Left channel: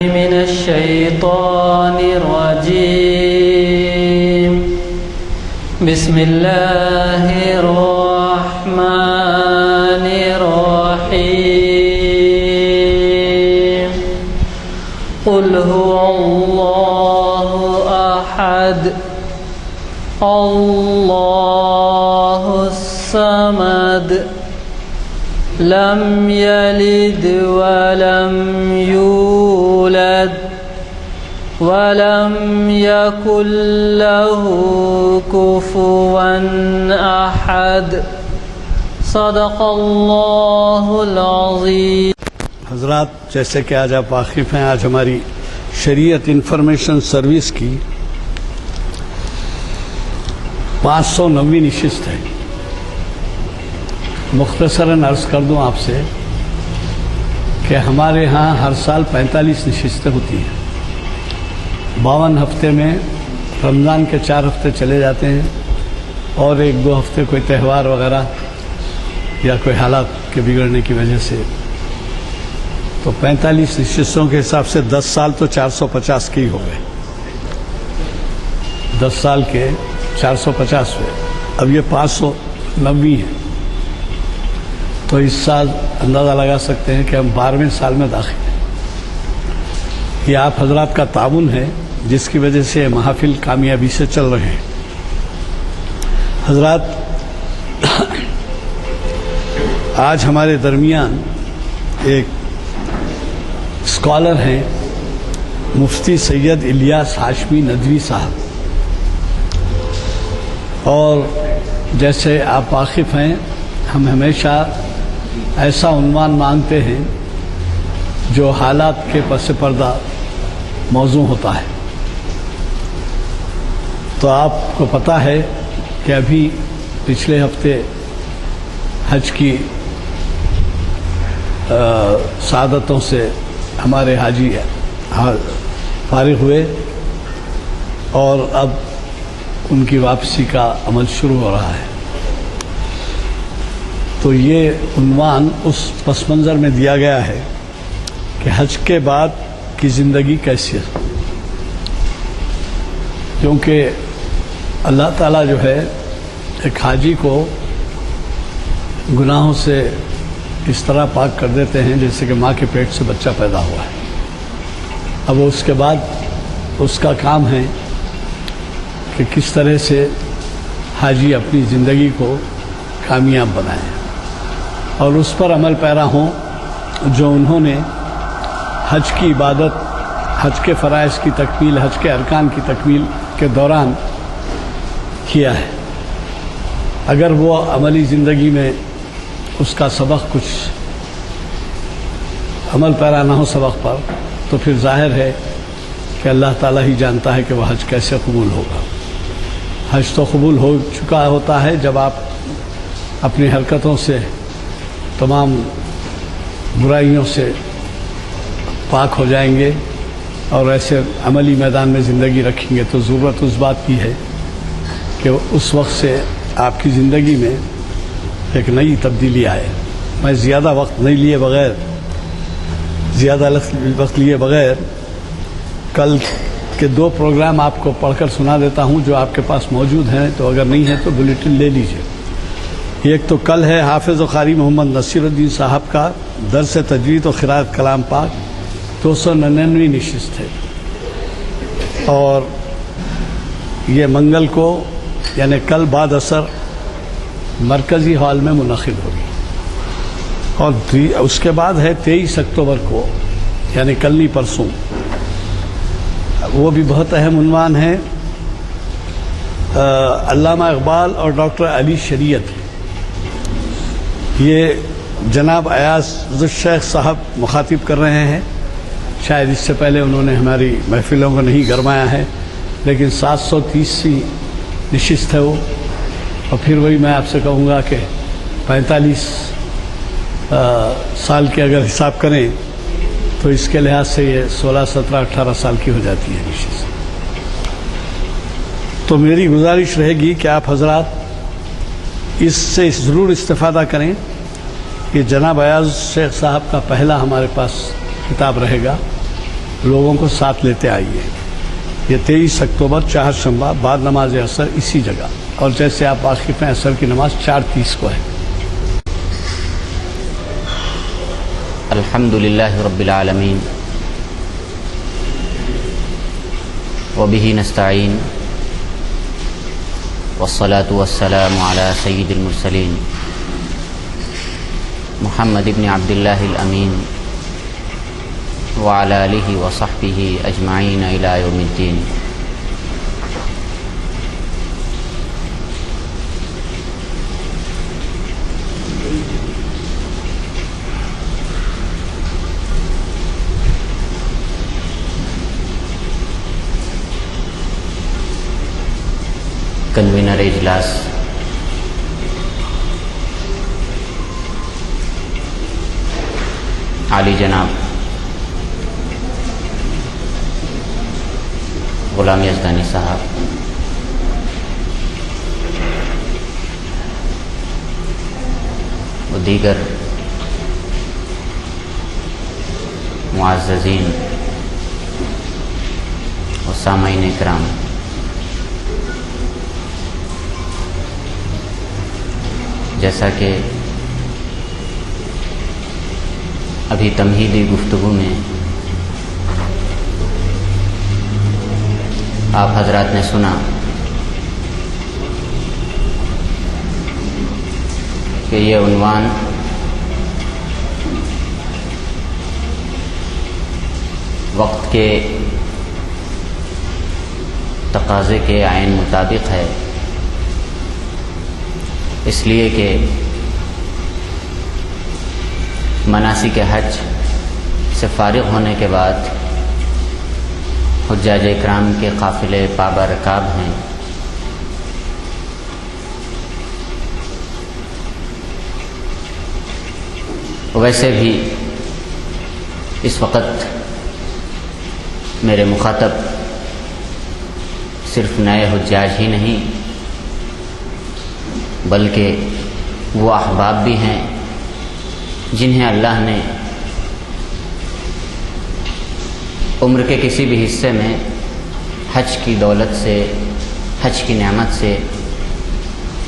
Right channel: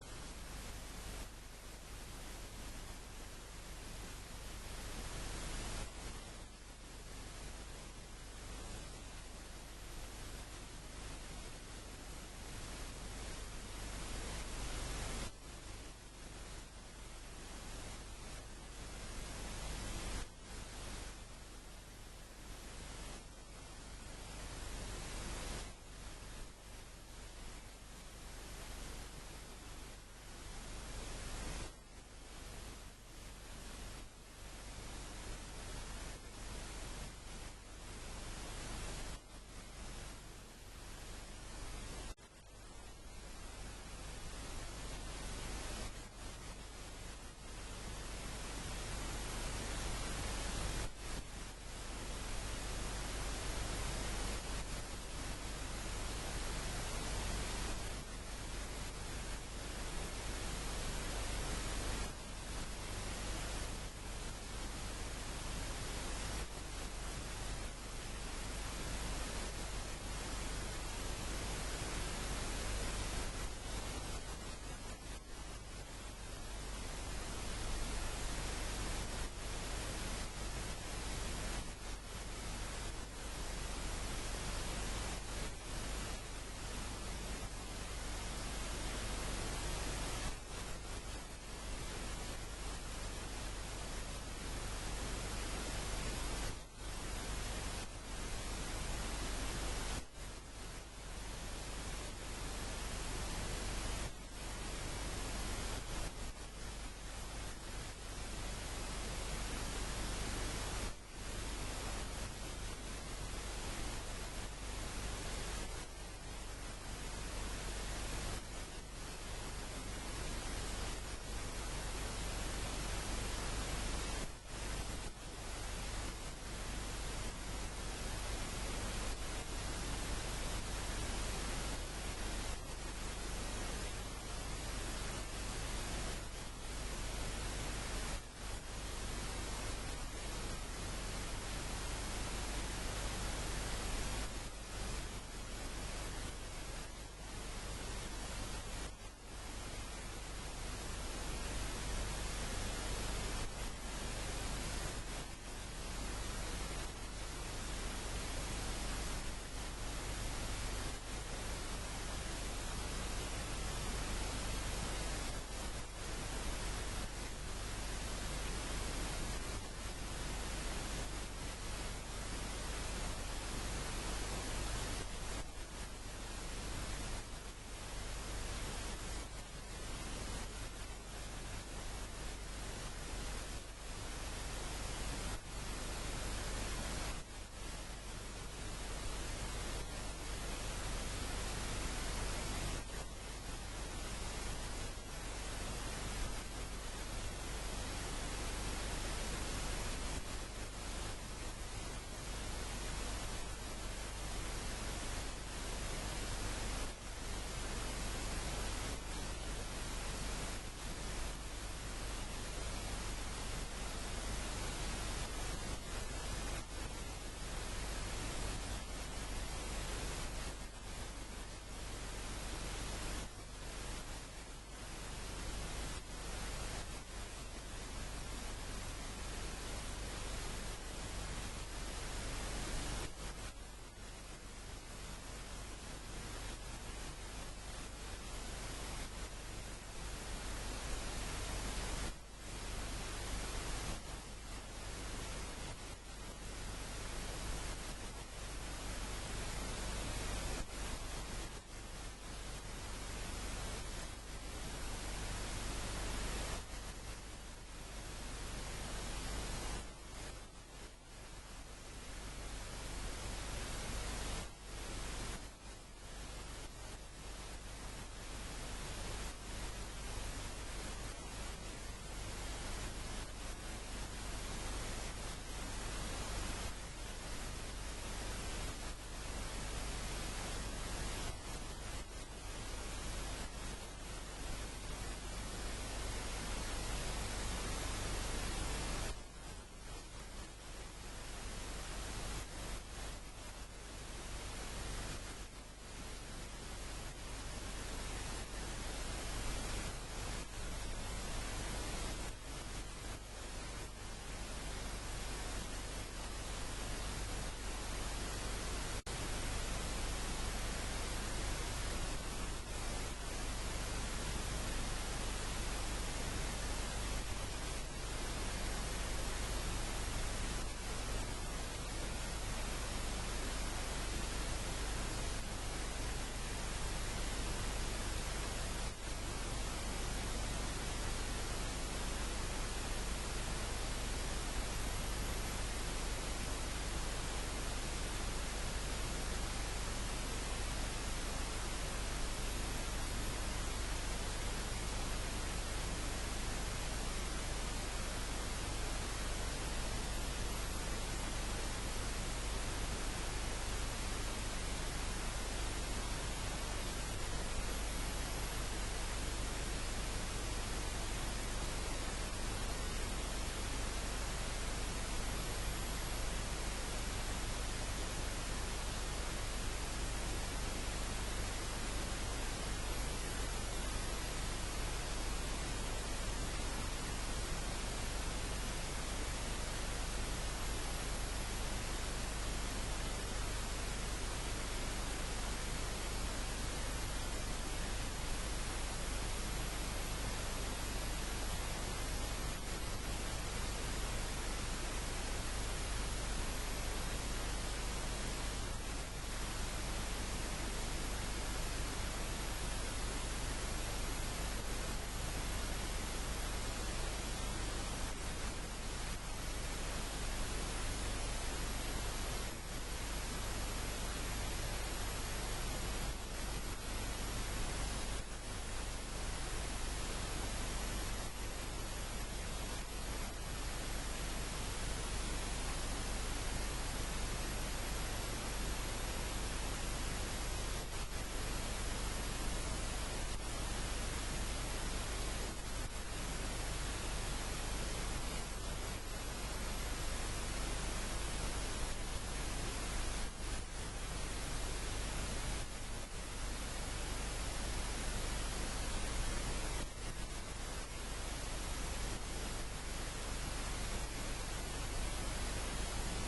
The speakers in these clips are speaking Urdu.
من الشيطان الرجيم. بسم الله الرحمن الرحيم. قل هو الله أحد الله الصمد لم يلد ولم يولد ولم يكن له كفوا أحد. صدق اللہ العظیم. حضرات، جیسے کہ آج آپ واقف ہیں، آج ہماری شریعت انفارمیشن سروس کی 509ویں نشست ہے. مختصراً عرض کر دوں آپ سے کہ ہمارے ہاں ہر سال 45 نشستیں ہوتی ہیں. 52 ہفتے میں رمضان کے 4 ہفتے چلے جاتے ہیں اور 1-2 ہفتے کوئی تہوار وغیرہ یا کوئی حالات کے بگڑنے کی وجہ سے، تو 45 نشستوں کے حساب سے 10 سال تو 450 کے ہی ہو گئے. 10 سال کے 450 ہوئے. اب یہ 509ویں ہے، تو اس سال اندازہ لگا سکتے ہیں کہ ہم 12ویں سال میں داخل ہیں. یہ آپ حضرات کا تعاون ہے جس کی وجہ سے یہ محافل کامیابی سے چل رہے ہیں. حضرات، آج ہمارے درمیان ایک اسکالر ہیں مفتی سید الیاس ہاشمی ندوی صاحب، اور جیسے آپ واقف ہیں، ہم ہمیشہ ایسا عنوان مانگتے ہیں جو حالات کے پس پردہ موضوع ہوتا ہے. تو آپ کو پتہ ہے کہ ابھی پچھلے ہفتے حج کی سعادتوں سے ہمارے حاجی فارغ ہوئے اور اب ان کی واپسی کا عمل شروع ہو رہا ہے. تو یہ عنوان اس پس منظر میں دیا گیا ہے کہ حج کے بعد کی زندگی کیسی ہے، کیونکہ اللہ تعالیٰ جو ہے ایک حاجی کو گناہوں سے اس طرح پاک کر دیتے ہیں جیسے کہ ماں کے پیٹ سے بچہ پیدا ہوا ہے. اب اس کے بعد اس کا کام ہے کہ کس طرح سے حاجی اپنی زندگی کو کامیاب بنائیں اور اس پر عمل پیرا ہوں جو انہوں نے حج کی عبادت، حج کے فرائض کی تکمیل، حج کے ارکان کی تکمیل کے دوران کیا ہے. اگر وہ عملی زندگی میں اس کا سبق کچھ عمل پیرا نہ ہو سبق پر، تو پھر ظاہر ہے کہ اللہ تعالیٰ ہی جانتا ہے کہ وہ حج کیسے قبول ہوگا. حج تو قبول ہو چکا ہوتا ہے جب آپ اپنی حرکتوں سے، تمام برائیوں سے پاک ہو جائیں گے اور ایسے عملی میدان میں زندگی رکھیں گے. تو ضرورت اس بات کی ہے کہ اس وقت سے آپ کی زندگی میں ایک نئی تبدیلی آئے. میں زیادہ وقت لیے بغیر کل کے 2 پروگرام آپ کو پڑھ کر سنا دیتا ہوں جو آپ کے پاس موجود ہیں، تو اگر نہیں ہے تو بلیٹن لے لیجئے. ایک تو کل ہے حافظ و قاری محمد نصیر الدین صاحب کا درس تجوید و قراءت کلام پاک، 299ویں نشست ہے، اور یہ منگل کو یعنی کل بعد عصر مرکزی ہال میں منعقد ہوگی. اور اس کے بعد ہے 23 اکتوبر کو یعنی کل نہیں پرسوں، وہ بھی بہت اہم عنوان ہے. علامہ اقبال اور ڈاکٹر علی شریعت. یہ جناب ایاز الشیخ صاحب مخاطب کر رہے ہیں. شاید اس سے پہلے انہوں نے ہماری محفلوں کو نہیں گرمایا ہے، لیکن 730 نشست ہے وہ. اور پھر وہی میں آپ سے کہوں گا کہ 45 سال کے اگر حساب کریں تو اس کے لحاظ سے یہ 16، 17، 18 سال کی ہو جاتی ہے نشست. تو میری گزارش رہے گی کہ آپ حضرات اس سے ضرور استفادہ کریں. یہ جناب ایاز شیخ صاحب کا پہلا ہمارے پاس خطاب رہے گا لوگوں کو ساتھ لیتے آئیے. یہ 23 اکتوبر چہارشنبہ بعد نماز عصر اسی جگہ، اور جیسے آپ واقف ہیں عصر کی نماز 4:30 کو ہے. الحمد للہ رب العالمین وبہ نستعین والصلاة والسلام علی سید المرسلین محمد بن عبد اللہ الامین وعلی آلہ وصحبہ اجمعین الی یوم الدین. کنوینر اجلاس عالی جناب غلام یزدانی صاحب، و دیگر معززین و سامعین کرام، جیسا کہ ابھی تمہیدی گفتگو میں آپ حضرات نے سنا کہ یہ عنوان وقت کے تقاضے کے عین مطابق ہے، اس لیے کہ مناسک حج سے فارغ ہونے کے بعد حجاج اکرام کے قافلے پابہ رکاب ہیں. ویسے بھی اس وقت میرے مخاطب صرف نئے حجاج ہی نہیں بلکہ وہ احباب بھی ہیں جنہیں اللہ نے عمر کے کسی بھی حصے میں حج کی دولت سے، حج کی نعمت سے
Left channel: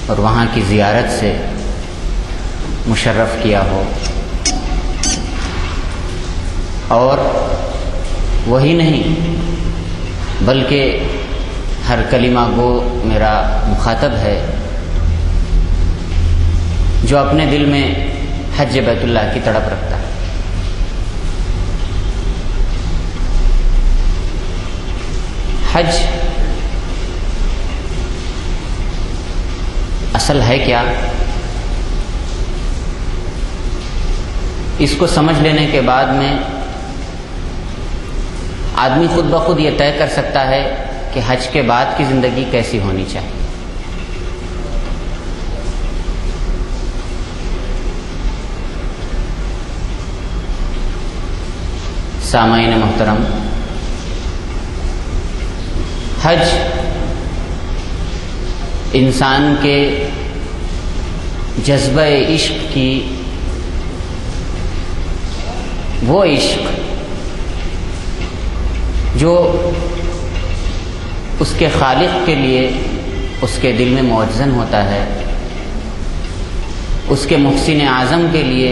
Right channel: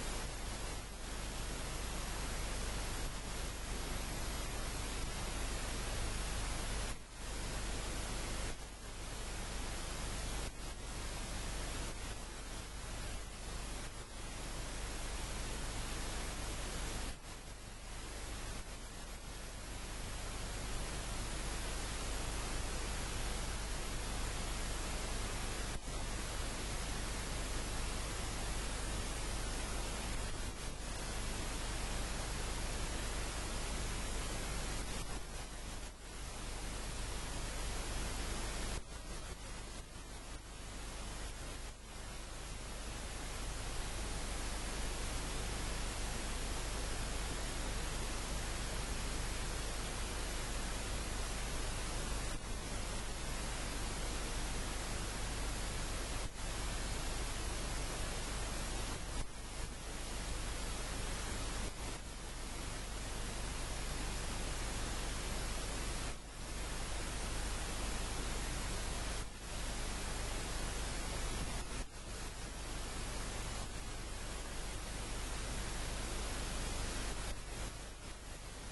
اور وہاں کی زیارت سے مشرف کیا ہو. اور وہی نہیں بلکہ ہر کلمہ گو میرا مخاطب ہے جو اپنے دل میں حج بیت اللہ کی تڑپ رکھتا ہے. حج اصل ہے کیا، اس کو سمجھ لینے کے بعد میں آدمی خود بخود یہ طے کر سکتا ہے کہ حج کے بعد کی زندگی کیسی ہونی چاہیے. سامعین محترم، حج انسان کے جذبہ عشق کی، وہ عشق جو اس کے خالق کے لیے اس کے دل میں موجزن ہوتا ہے، اس کے محسن اعظم کے لیے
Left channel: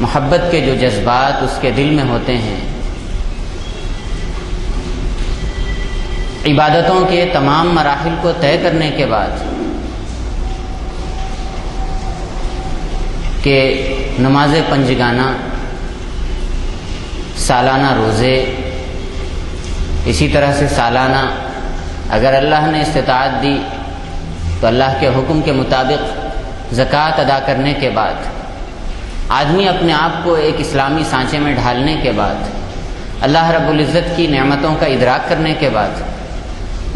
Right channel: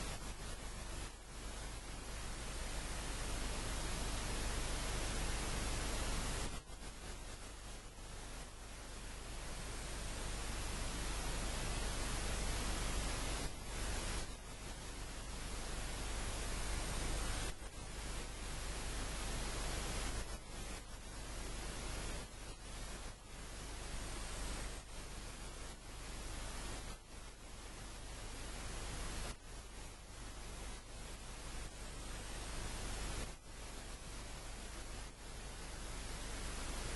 محبت کے جو جذبات اس کے دل میں ہوتے ہیں، عبادتوں کے تمام مراحل کو طے کرنے کے بعد کہ نماز پنجگانہ، سالانہ روزے، اسی طرح سے سالانہ اگر اللہ نے استطاعت دی تو اللہ کے حکم کے مطابق زکوٰۃ ادا کرنے کے بعد آدمی اپنے آپ کو ایک اسلامی سانچے میں ڈھالنے کے بعد، اللہ رب العزت کی نعمتوں کا ادراک کرنے کے بعد،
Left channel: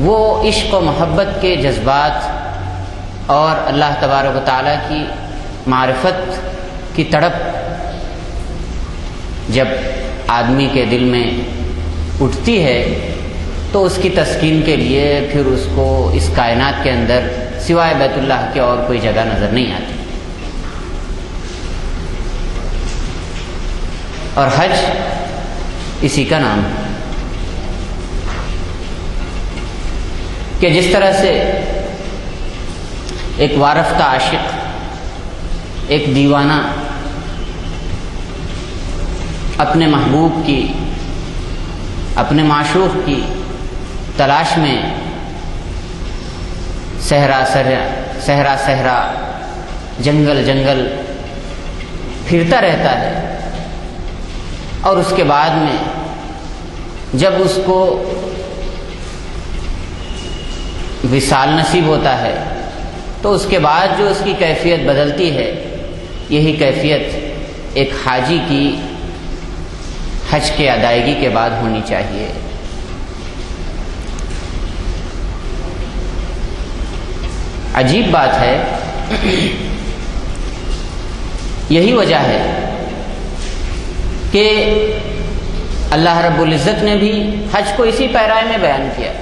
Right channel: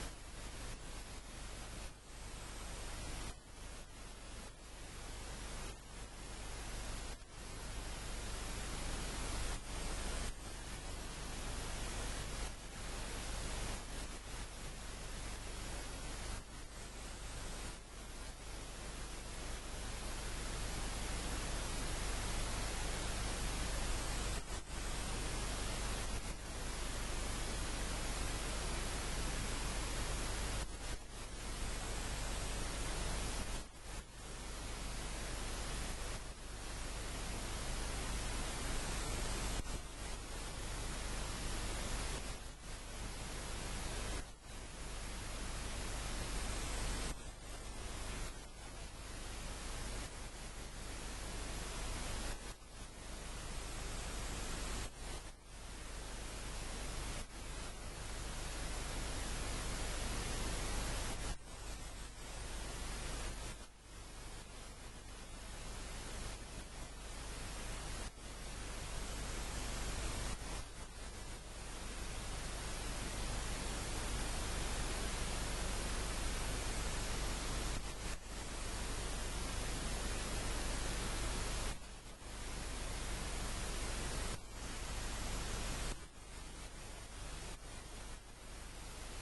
وہ عشق و محبت کے جذبات اور اللہ تبارک و تعالیٰ کی معرفت کی تڑپ جب آدمی کے دل میں اٹھتی ہے تو اس کی تسکین کے لیے پھر اس کو اس کائنات کے اندر سوائے بیت اللہ کے اور کوئی جگہ نظر نہیں آتی. اور حج اسی کا نام ہے کہ جس طرح سے ایک وارفتہ عاشق، ایک دیوانہ اپنے محبوب کی، اپنے معشوق کی تلاش میں صحرا صحرا جنگل جنگل پھرتا رہتا ہے، اور اس کے بعد میں جب اس کو وصال نصیب ہوتا ہے تو اس کے بعد جو اس کی کیفیت بدلتی ہے، یہی کیفیت ایک حاجی کی حج کے ادائیگی کے بعد ہونی چاہیے۔ عجیب بات ہے، یہی وجہ ہے کہ اللہ رب العزت نے بھی حج کو اسی پیرائے میں بیان کیا۔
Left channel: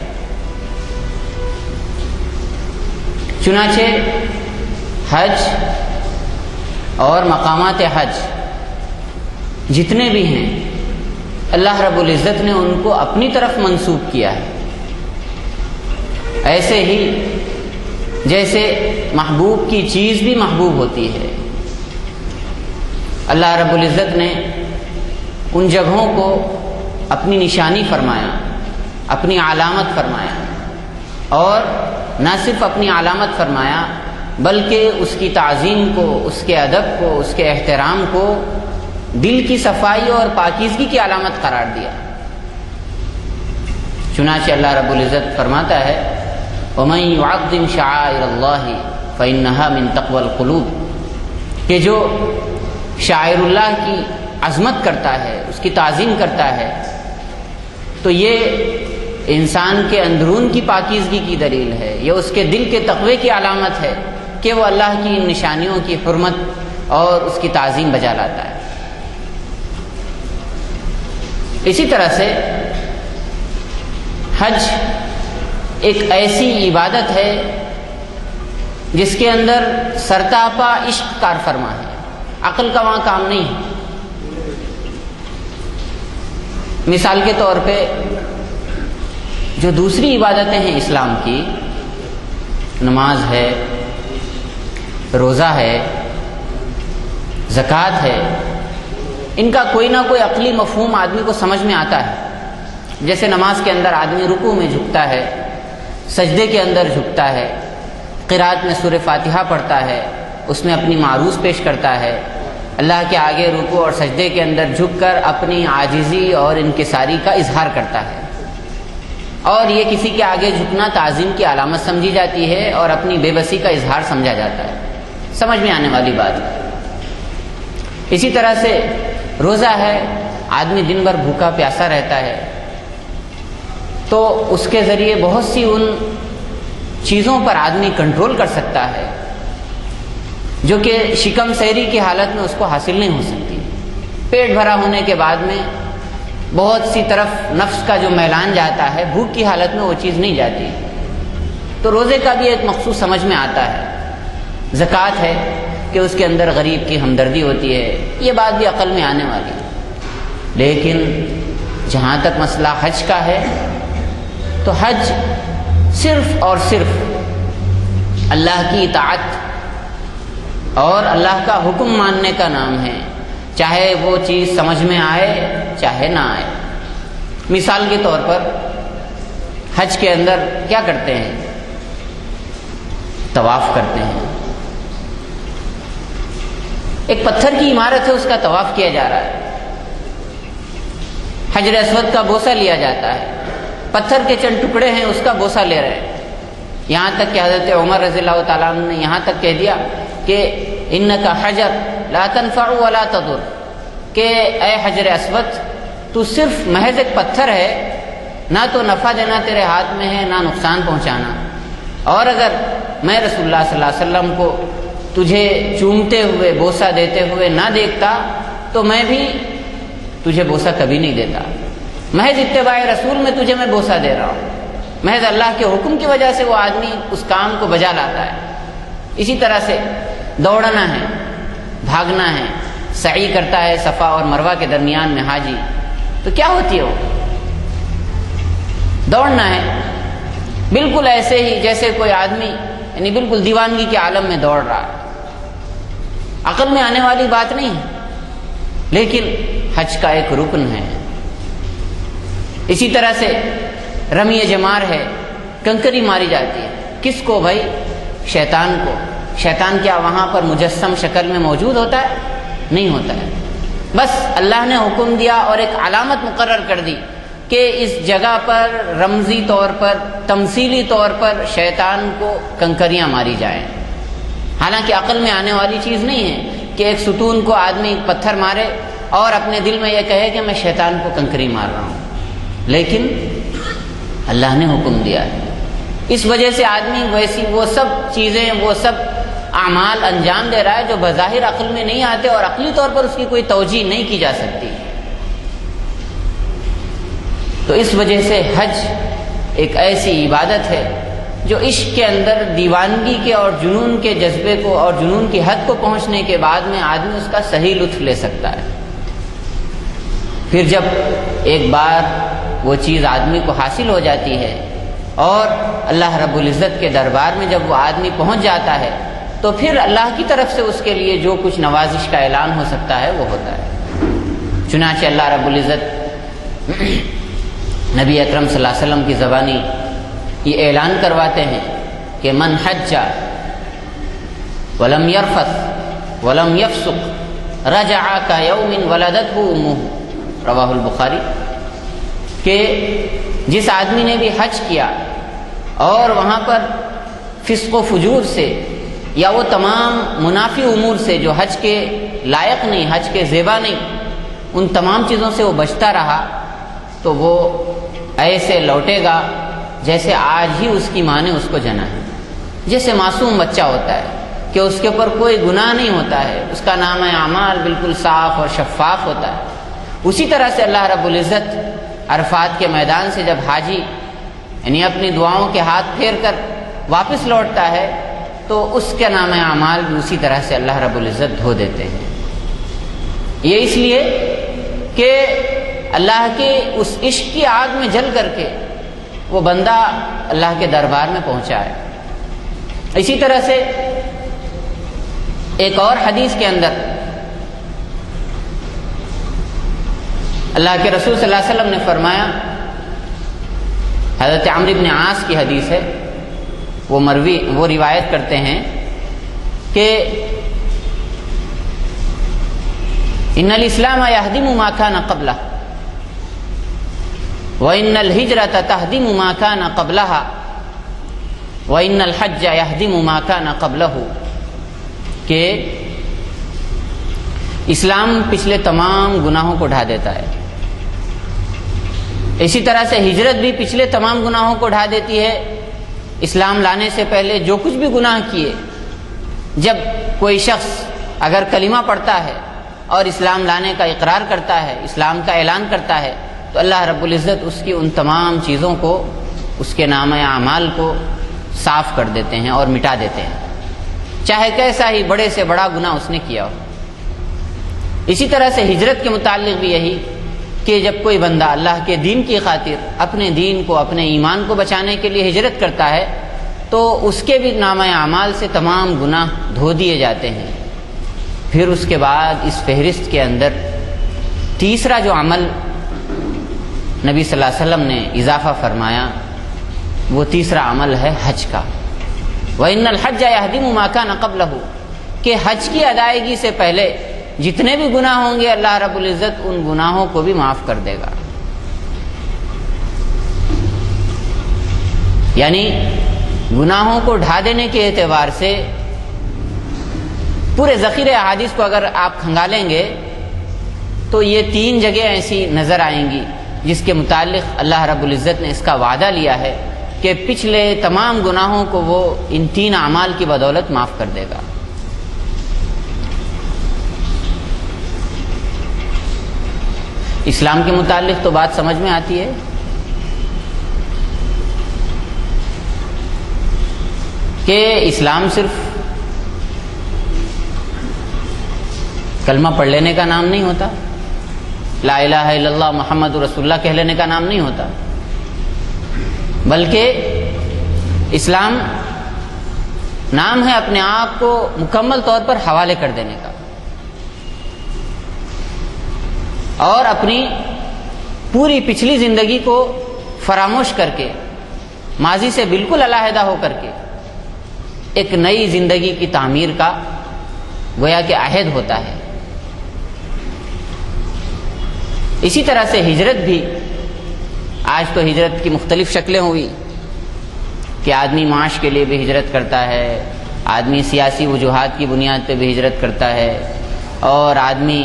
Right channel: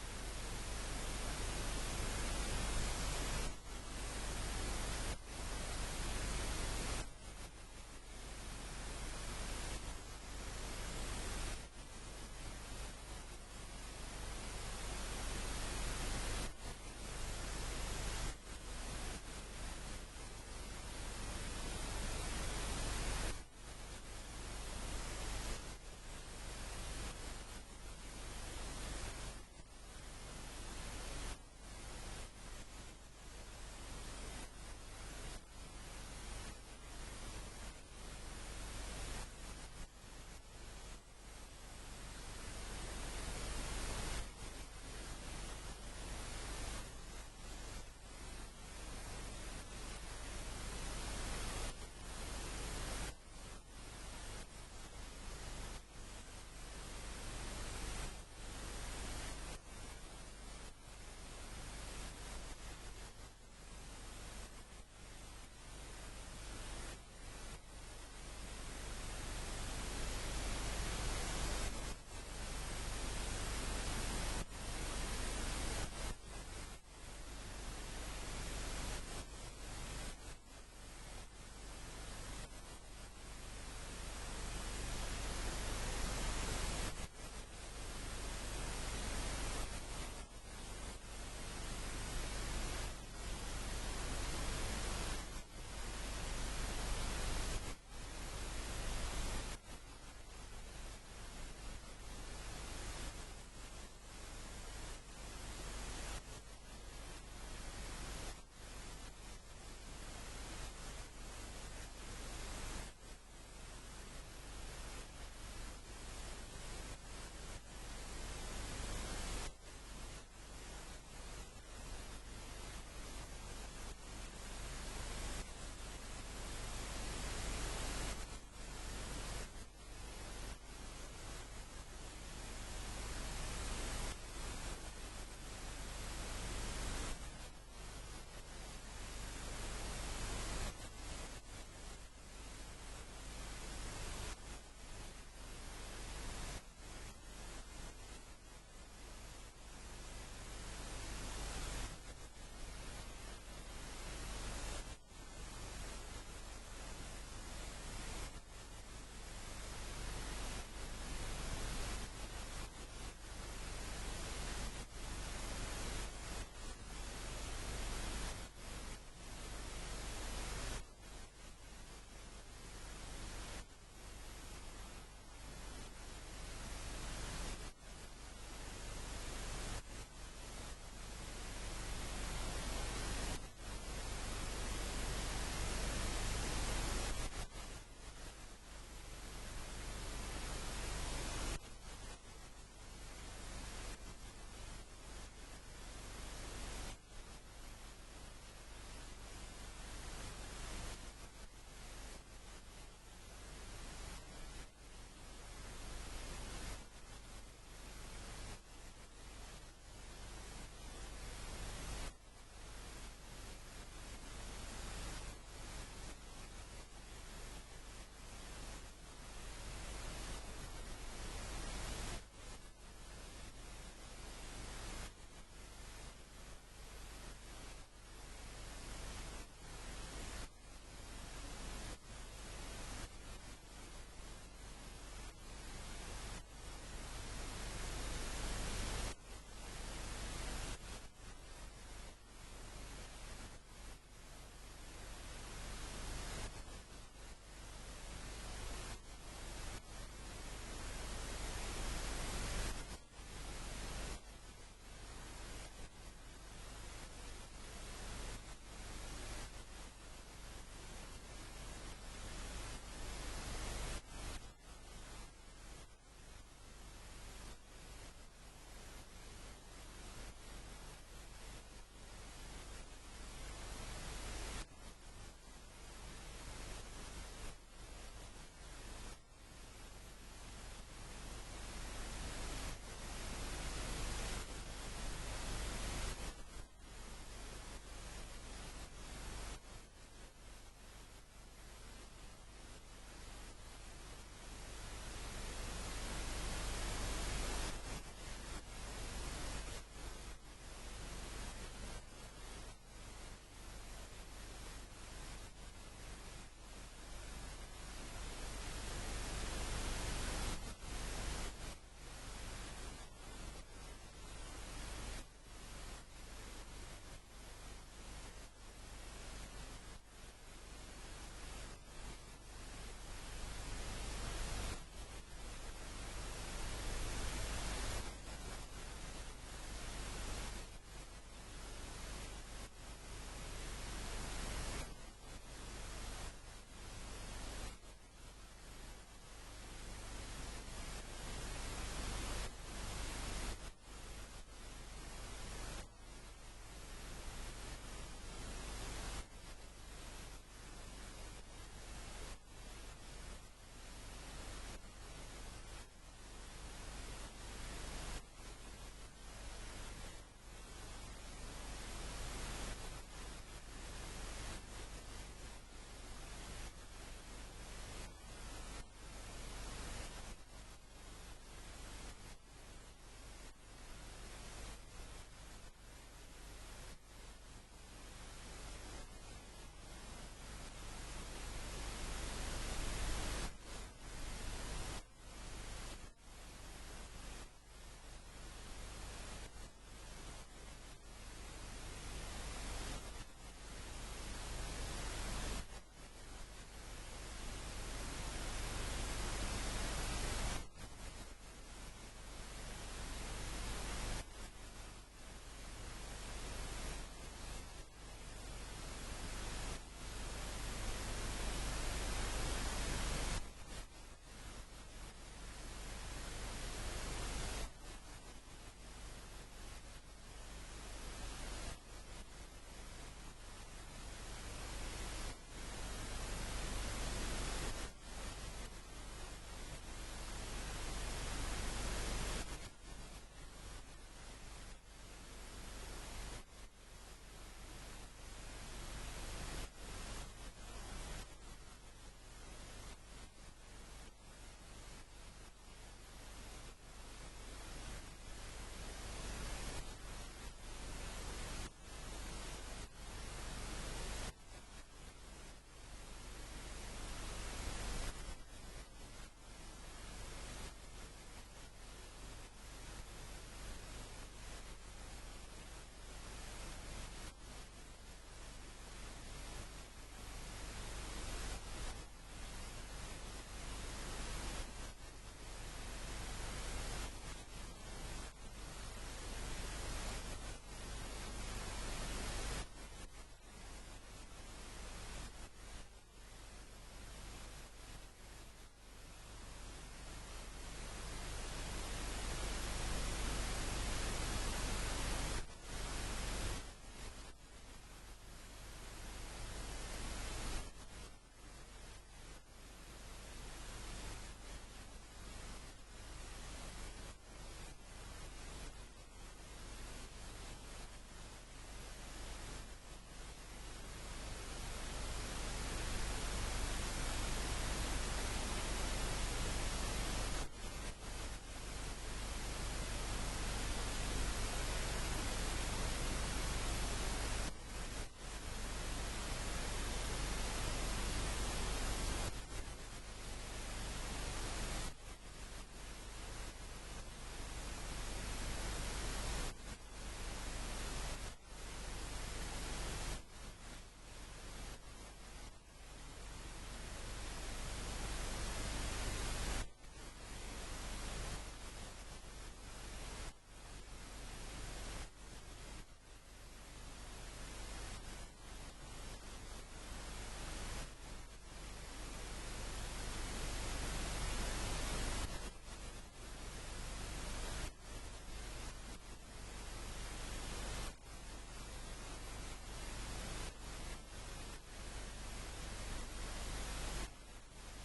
چنانچہ حج اور مقامات حج جتنے بھی ہیں، اللہ رب العزت نے ان کو اپنی طرف منسوب کیا ہے۔ ایسے ہی جیسے محبوب کی چیز بھی محبوب ہوتی ہے، اللہ رب العزت نے ان جگہوں کو اپنی نشانی فرمایا، اپنی علامت فرمایا، اور نہ صرف اپنی علامت فرمایا بلکہ اس کی تعظیم کو، اس کے ادب کو، اس کے احترام کو دل کی صفائی اور پاکیزگی کی علامت قرار دیا۔ چنانچہ اللہ رب العزت فرماتا ہے وَمَن يُعَظِّمْ شَعَائِرَ اللَّهِ فَإِنَّهَا مِن تَقْوَى الْقُلُوبِ، کہ جو شاعر اللہ کی عظمت کرتا ہے، اس کی تعظیم کرتا ہے، تو یہ انسان کے اندرون کی پاکیزگی کی دلیل ہے، یہ اس کے دل کے تقوی کی علامت ہے کہ وہ اللہ کی ان نشانیوں کی حرمت اور اس کی تعظیم بجا لاتا ہے۔ اسی طرح سے حج ایک ایسی عبادت ہے جس کے اندر سرتاپا عشق کار فرما ہے، عقل کا وہاں کام نہیں ہے۔ مثال کے طور پہ جو دوسری عبادتیں ہیں اسلام کی، نماز ہے، روزہ ہے، زکوٰۃ ہے، ان کا کوئی نہ کوئی عقلی مفہوم آدمی کو سمجھ میں آتا ہے۔ جیسے نماز کے اندر آدمی رکوع میں جھکتا ہے، سجدے کے اندر جھکتا ہے، قرات میں سورہ فاتحہ پڑھتا ہے، اس میں اپنی معروض پیش کرتا ہے، اللہ کے آگے رکوع اور سجدے کے اندر جھک کر اپنی عاجزی اور انکساری کا اظہار کرتا ہے، اور یہ کسی کے آگے جھکنا تعظیم کی علامت سمجھی جاتی ہے اور اپنی بے بسی کا اظہار سمجھا جاتا ہے۔ سمجھ میں آنے والی بات ہے۔ اسی طرح سے روزہ ہے، آدمی دن بھر بھوکا پیاسا رہتا ہے، تو اس کے ذریعے بہت سی ان چیزوں پر آدمی کنٹرول کر سکتا ہے جو کہ شکم سیری کی حالت میں اس کو حاصل نہیں ہو سکتی۔ پیٹ بھرا ہونے کے بعد میں بہت سی طرف نفس کا جو میلان جاتا ہے، بھوک کی حالت میں وہ چیز نہیں جاتی، تو روزے کا بھی ایک مقصود سمجھ میں آتا ہے۔ زکوٰۃ ہے کہ اس کے اندر غریب کی ہمدردی ہوتی ہے، یہ بات بھی عقل میں آنے والی ہے۔ لیکن جہاں تک مسئلہ حج کا ہے تو حج صرف اور صرف اللہ کی اطاعت اور اللہ کا حکم ماننے کا نام ہے، چاہے وہ چیز سمجھ میں آئے چاہے نہ آئے۔ مثال کے طور پر حج کے اندر کیا کرتے ہیں؟ طواف کرتے ہیں۔ ایک پتھر کی عمارت ہے، اس کا طواف کیا جا رہا ہے، حجر اسود کا بوسہ لیا جاتا ہے، پتھر کے چند ٹکڑے ہیں اس کا بوسہ لے رہے ہیں، یہاں تک کہ حضرت عمر رضی اللہ تعالیٰ عنہ نے یہاں تک کہہ دیا کہ انک حجر لا تنفع ولا تضر، کہ اے حجر اسود تو صرف محض ایک پتھر ہے، نہ تو نفع دینا تیرے ہاتھ میں ہے نہ نقصان پہنچانا، اور اگر میں رسول اللہ صلی اللہ علیہ وسلم کو تجھے چومتے ہوئے بوسہ دیتے ہوئے نہ دیکھتا تو میں بھی تجھے بوسہ کبھی نہیں دیتا، محض اتباع رسول میں تجھے میں بوسہ دے رہا ہوں، محض اللہ کے حکم کی وجہ سے وہ آدمی اس کام کو بجا لاتا ہے۔ اسی طرح سے دوڑنا ہے، بھاگنا ہے، سعی کرتا ہے صفا اور مروہ کے درمیان میں حاجی، تو کیا ہوتی ہے وہ؟ دوڑنا ہے، بالکل ایسے ہی جیسے کوئی آدمی یعنی بالکل دیوانگی کے عالم میں دوڑ رہا ہے، عقل میں آنے والی بات نہیں ہے، لیکن حج کا ایک رکن ہے۔ اسی طرح سے رمی جمار ہے، کنکری ماری جاتی ہے، کس کو بھائی؟ شیطان کو۔ شیطان کیا وہاں پر مجسم شکل میں موجود ہوتا ہے؟ نہیں ہوتا ہے، بس اللہ نے حکم دیا اور ایک علامت مقرر کر دی کہ اس جگہ پر رمزی طور پر، تمثیلی طور پر شیطان کو کنکریاں ماری جائیں۔ حالانکہ عقل میں آنے والی چیز نہیں ہے کہ ایک ستون کو آدمی پتھر مارے اور اپنے دل میں یہ کہے کہ میں شیطان کو کنکری مار رہا ہوں، لیکن اللہ نے حکم دیا ہے۔ اس وجہ سے آدمی ویسی وہ سب چیزیں، وہ سب اعمال انجام دے رہا ہے جو بظاہر عقل میں نہیں آتے اور عقلی طور پر اس کی کوئی توجیہ نہیں کی جا سکتی۔ تو اس وجہ سے حج ایک ایسی عبادت ہے جو عشق کے اندر دیوانگی کے اور جنون کے جذبے کو اور جنون کی حد کو پہنچنے کے بعد میں آدمی اس کا صحیح لطف لے سکتا ہے۔ پھر جب ایک بار وہ چیز آدمی کو حاصل ہو جاتی ہے اور اللہ رب العزت کے دربار میں جب وہ آدمی پہنچ جاتا ہے تو پھر اللہ کی طرف سے اس کے لیے جو کچھ نوازش کا اعلان ہو سکتا ہے وہ ہوتا ہے۔ چنانچہ اللہ رب العزت نبی اکرم صلی اللہ علیہ وسلم کی زبانی یہ اعلان کرواتے ہیں کہ من حج ولم یرفث ولم یفسق رجع کیوم ولدتہ امہ، رواہ البخاری، کہ جس آدمی نے بھی حج کیا اور وہاں پر فسق و فجور سے یا وہ تمام منافی امور سے جو حج کے لائق نہیں، حج کے زیبا نہیں، ان تمام چیزوں سے وہ بچتا رہا تو وہ ایسے لوٹے گا جیسے آج ہی اس کی ماں نے اس کو جنا ہے، جیسے معصوم بچہ ہوتا ہے کہ اس کے اوپر کوئی گناہ نہیں ہوتا ہے، اس کا نام اعمال بالکل صاف اور شفاف ہوتا ہے۔ اسی طرح سے اللہ رب العزت عرفات کے میدان سے جب حاجی یعنی اپنی دعاؤں کے ہاتھ پھیر کر واپس لوٹتا ہے تو اس کے نام اعمال بھی اسی طرح سے اللہ رب العزت دھو دیتے ہیں۔ یہ اس لیے کہ اللہ کے اس عشق کی آگ میں جل کر کے وہ بندہ اللہ کے دربار میں پہنچا ہے۔ اسی طرح سے ایک اور حدیث کے اندر اللہ کے رسول صلی اللہ علیہ وسلم نے فرمایا، حضرت عمرو بن عاص کی حدیث ہے، وہ روایت کرتے ہیں کہ ان الاسلام یہدم ما کان قبلہ وان الہجرۃ تہدم ما کان قبلہا وان الحج یہدم ما کان قبلہ، کہ اسلام پچھلے تمام گناہوں کو ڈھا دیتا ہے، اسی طرح سے ہجرت بھی پچھلے تمام گناہوں کو ڈھا دیتی ہے۔ اسلام لانے سے پہلے جو کچھ بھی گناہ کیے، جب کوئی شخص اگر کلمہ پڑھتا ہے اور اسلام لانے کا اقرار کرتا ہے، اسلام کا اعلان کرتا ہے، تو اللہ رب العزت اس کی ان تمام چیزوں کو، اس کے نام اعمال کو صاف کر دیتے ہیں اور مٹا دیتے ہیں، چاہے کیسا ہی بڑے سے بڑا گناہ اس نے کیا ہو۔ اسی طرح سے ہجرت کے متعلق بھی یہی کہ جب کوئی بندہ اللہ کے دین کی خاطر اپنے دین کو، اپنے ایمان کو بچانے کے لیے ہجرت کرتا ہے تو اس کے بھی نامہ اعمال سے تمام گناہ دھو دیے جاتے ہیں۔ پھر اس کے بعد اس فہرست کے اندر تیسرا جو عمل نبی صلی اللہ علیہ وسلم نے اضافہ فرمایا وہ تیسرا عمل ہے حج کا۔ وَإِنَّ الْحَجَّ يَهْدِمُ مَا كَانَ قَبْلَهُ، کہ حج کی ادائیگی سے پہلے جتنے بھی گناہ ہوں گے اللہ رب العزت ان گناہوں کو بھی معاف کر دے گا۔ یعنی گناہوں کو ڈھا دینے کے اعتبار سے پورے ذخیرے احادیث کو اگر آپ کھنگالیں گے تو یہ 3 جگہ ایسی نظر آئیں گی جس کے متعلق اللہ رب العزت نے اس کا وعدہ لیا ہے کہ پچھلے تمام گناہوں کو وہ ان 3 اعمال کی بدولت معاف کر دے گا۔ اسلام کے متعلق تو بات سمجھ میں آتی ہے کہ اسلام صرف کلمہ پڑھ لینے کا نام نہیں ہوتا، لا الہ الا اللہ محمد رسول اللہ کہہ لینے کا نام نہیں ہوتا، بلکہ اسلام نام ہے اپنے آپ کو مکمل طور پر حوالے کر دینے کا، اور اپنی پوری پچھلی زندگی کو فراموش کر کے، ماضی سے بالکل علیحدہ ہو کر کے ایک نئی زندگی کی تعمیر کا گویا کہ عہد ہوتا ہے۔ اسی طرح سے ہجرت بھی، آج تو ہجرت کی مختلف شکلیں ہوئی کہ آدمی معاش کے لیے بھی ہجرت کرتا ہے، آدمی سیاسی وجوہات کی بنیاد پہ بھی ہجرت کرتا ہے، اور آدمی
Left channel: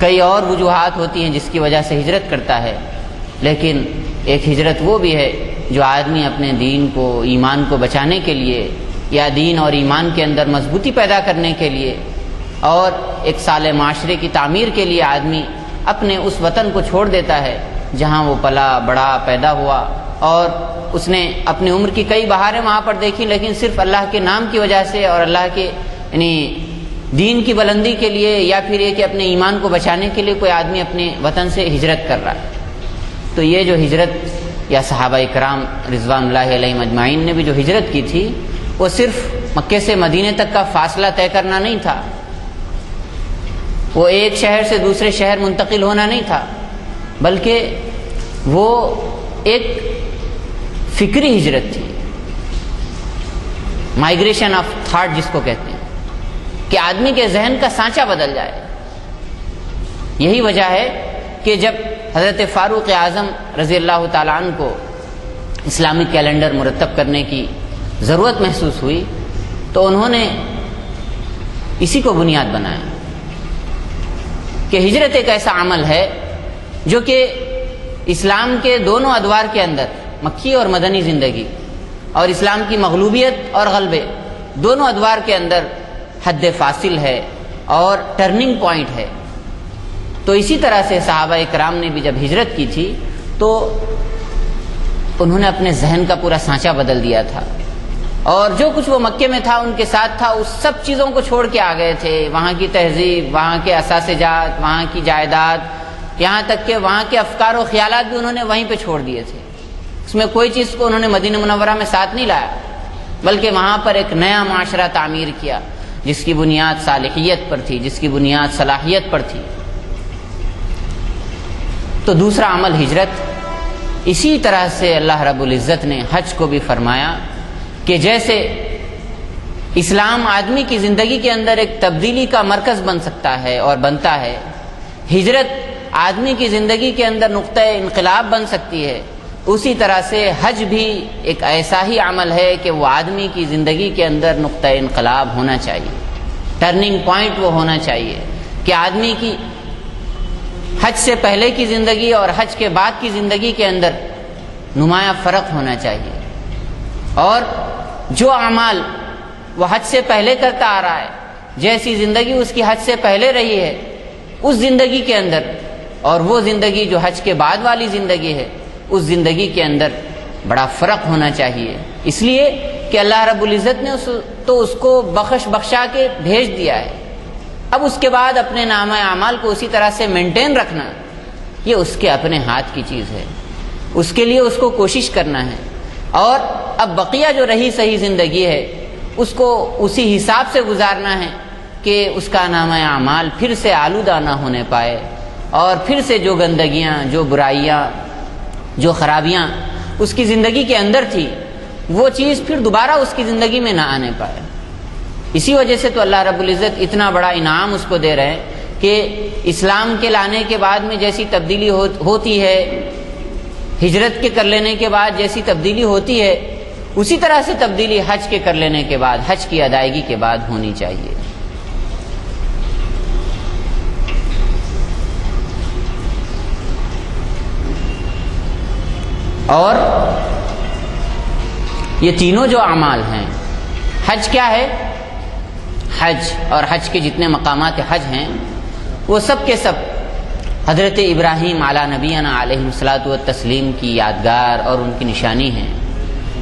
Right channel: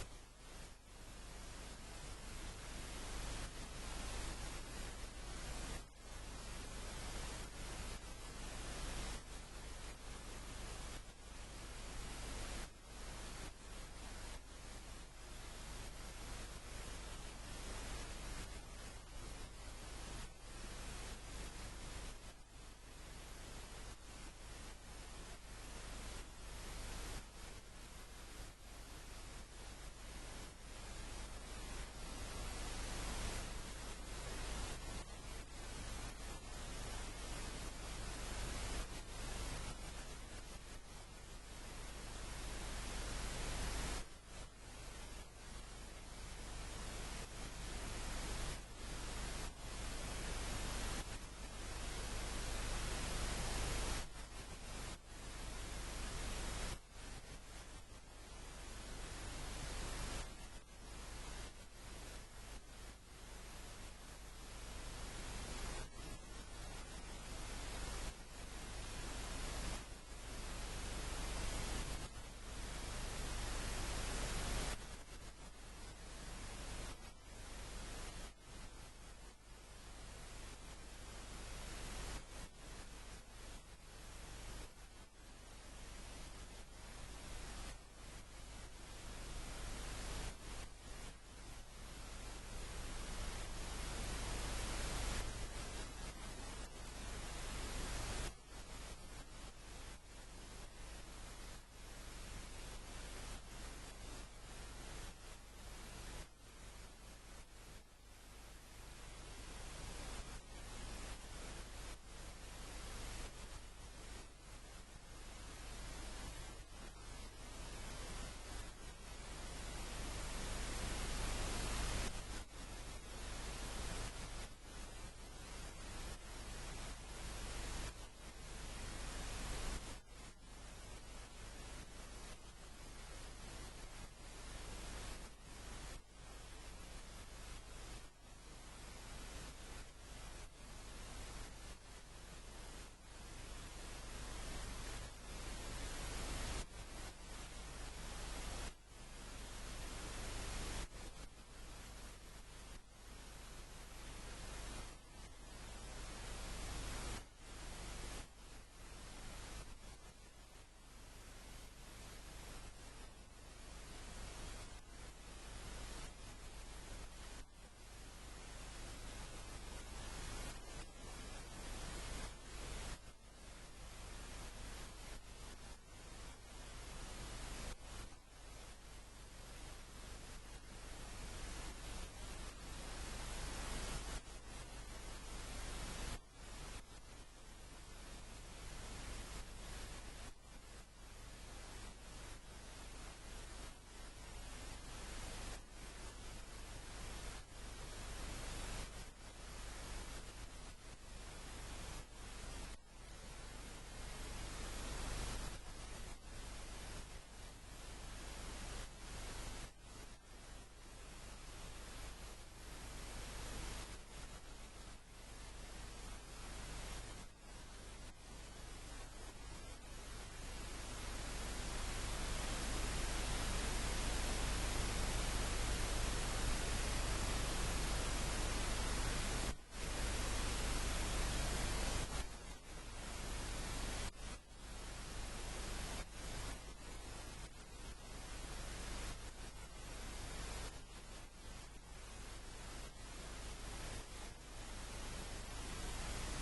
کئی اور وجوہات ہوتی ہیں جس کی وجہ سے ہجرت کرتا ہے، لیکن ایک ہجرت وہ بھی ہے جو آدمی اپنے دین کو، ایمان کو بچانے کے لیے، یا دین اور ایمان کے اندر مضبوطی پیدا کرنے کے لیے اور ایک صالح معاشرے کی تعمیر کے لیے آدمی اپنے اس وطن کو چھوڑ دیتا ہے جہاں وہ پلا بڑا پیدا ہوا، اور اس نے اپنی عمر کی کئی بہاریں وہاں پر دیکھی، لیکن صرف اللہ کے نام کی وجہ سے اور اللہ کے یعنی دین کی بلندی کے لیے، یا پھر یہ کہ اپنے ایمان کو بچانے کے لیے کوئی آدمی اپنے وطن سے ہجرت کر رہا ہے۔ تو یہ جو ہجرت، یا صحابہ کرام رضوان اللہ علیہم اجمعین نے بھی جو ہجرت کی تھی، وہ صرف مکے سے مدینے تک کا فاصلہ طے کرنا نہیں تھا، وہ ایک شہر سے دوسرے شہر منتقل ہونا نہیں تھا، بلکہ وہ ایک فکری ہجرت تھی، مائگریشن آف تھاٹ جس کو کہتے ہیں، کہ آدمی کے ذہن کا سانچہ بدل جائے۔ یہی وجہ ہے کہ جب حضرت فاروق اعظم رضی اللہ تعالیٰ عنہ کو اسلامی کیلنڈر مرتب کرنے کی ضرورت محسوس ہوئی تو انہوں نے اسی کو بنیاد بنایا کہ ہجرت ایک ایسا عمل ہے جو کہ اسلام کے دونوں ادوار کے اندر، مکی اور مدنی زندگی، اور اسلام کی مغلوبیت اور غلبے دونوں ادوار کے اندر حد فاصل ہے اور ٹرننگ پوائنٹ ہے۔ تو اسی طرح سے صحابہ کرام نے بھی جب ہجرت کی تھی تو انہوں نے اپنے ذہن کا پورا سانچہ بدل دیا تھا، اور جو کچھ وہ مکے میں تھا ان کے ساتھ تھا، اس سب چیزوں کو چھوڑ کے آ گئے تھے، وہاں کی تہذیب، وہاں کے اثاثے جات، وہاں کی جائیداد، یہاں تک کہ وہاں کے افکار و خیالات بھی انہوں نے وہیں پہ چھوڑ دیے تھے۔ اس میں کوئی چیز کو انہوں نے مدینہ منورہ میں ساتھ نہیں لایا، بلکہ وہاں پر ایک نیا معاشرہ تعمیر کیا جس کی بنیاد صالحیت پر تھی، جس کی بنیاد صلاحیت پر تھی۔ تو دوسرا عمل ہجرت، اسی طرح سے اللہ رب العزت نے حج کو بھی فرمایا کہ جیسے اسلام آدمی کی زندگی کے اندر ایک تبدیلی کا مرکز بن سکتا ہے اور بنتا ہے، ہجرت آدمی کی زندگی کے اندر نقطہ انقلاب بن سکتی ہے، اسی طرح سے حج بھی ایک ایسا ہی عمل ہے کہ وہ آدمی کی زندگی کے اندر نقطہ انقلاب ہونا چاہیے، ٹرننگ پوائنٹ وہ ہونا چاہیے کہ آدمی کی حج سے پہلے کی زندگی اور حج کے بعد کی زندگی کے اندر نمایاں فرق ہونا چاہیے، اور جو اعمال وہ حج سے پہلے کرتا آ رہا ہے، جیسی زندگی اس کی حج سے پہلے رہی ہے، اس زندگی کے اندر اور وہ زندگی جو حج کے بعد والی زندگی ہے، اس زندگی کے اندر بڑا فرق ہونا چاہیے، اس لیے کہ اللہ رب العزت نے اس کو بخشا کے بھیج دیا ہے۔ اب اس کے بعد اپنے نامہ اعمال کو اسی طرح سے مینٹین رکھنا، یہ اس کے اپنے ہاتھ کی چیز ہے، اس کے لیے اس کو کوشش کرنا ہے، اور اب بقیہ جو رہی صحیح زندگی ہے اس کو اسی حساب سے گزارنا ہے کہ اس کا نامہ اعمال پھر سے آلودہ نہ ہونے پائے، اور پھر سے جو گندگیاں، جو برائیاں، جو خرابیاں اس کی زندگی کے اندر تھی، وہ چیز پھر دوبارہ اس کی زندگی میں نہ آنے پائے۔ اسی وجہ سے تو اللہ رب العزت اتنا بڑا انعام اس کو دے رہے ہیں کہ اسلام کے لانے کے بعد میں جیسی تبدیلی ہوتی ہے، ہجرت کے کر لینے کے بعد جیسی تبدیلی ہوتی ہے، اسی طرح سے تبدیلی حج کے کر لینے کے بعد، حج کی ادائیگی کے بعد ہونی چاہیے۔ اور یہ تینوں جو اعمال ہیں، حج کیا ہے؟ حج اور حج کے جتنے مقامات حج ہیں وہ سب کے سب حضرت ابراہیم علی نبینا علیہ الصلاۃ والتسلیم کی یادگار اور ان کی نشانی ہیں۔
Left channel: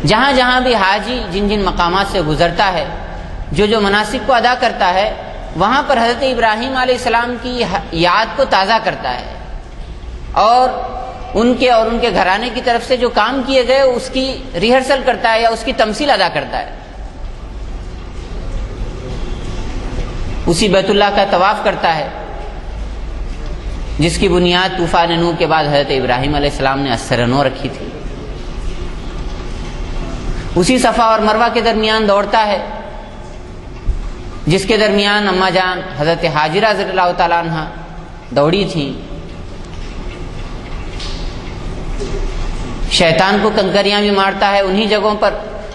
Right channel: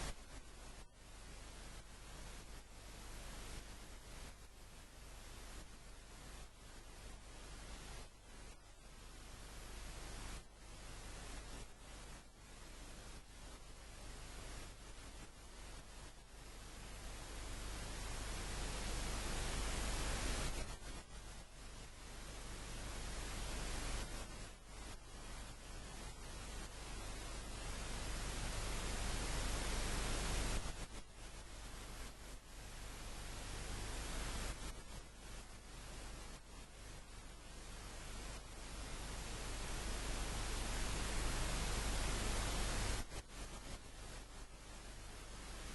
جہاں جہاں بھی حاجی جن جن مقامات سے گزرتا ہے، جو مناسک کو ادا کرتا ہے، وہاں پر حضرت ابراہیم علیہ السلام کی یاد کو تازہ کرتا ہے، اور ان کے گھرانے کی طرف سے جو کام کیے گئے اس کی ریہرسل کرتا ہے یا اس کی تمثیل ادا کرتا ہے. اسی بیت اللہ کا طواف کرتا ہے جس کی بنیاد طوفان نوح کے بعد حضرت ابراہیم علیہ السلام نے اثر نو رکھی تھی. اسی صفا اور مروہ کے درمیان دوڑتا ہے جس کے درمیان اماں جان حضرت حاجرہ رضی اللہ تعالیٰ عنہ دوڑی تھیں. شیطان کو کنکریاں بھی مارتا ہے انہی جگہوں پر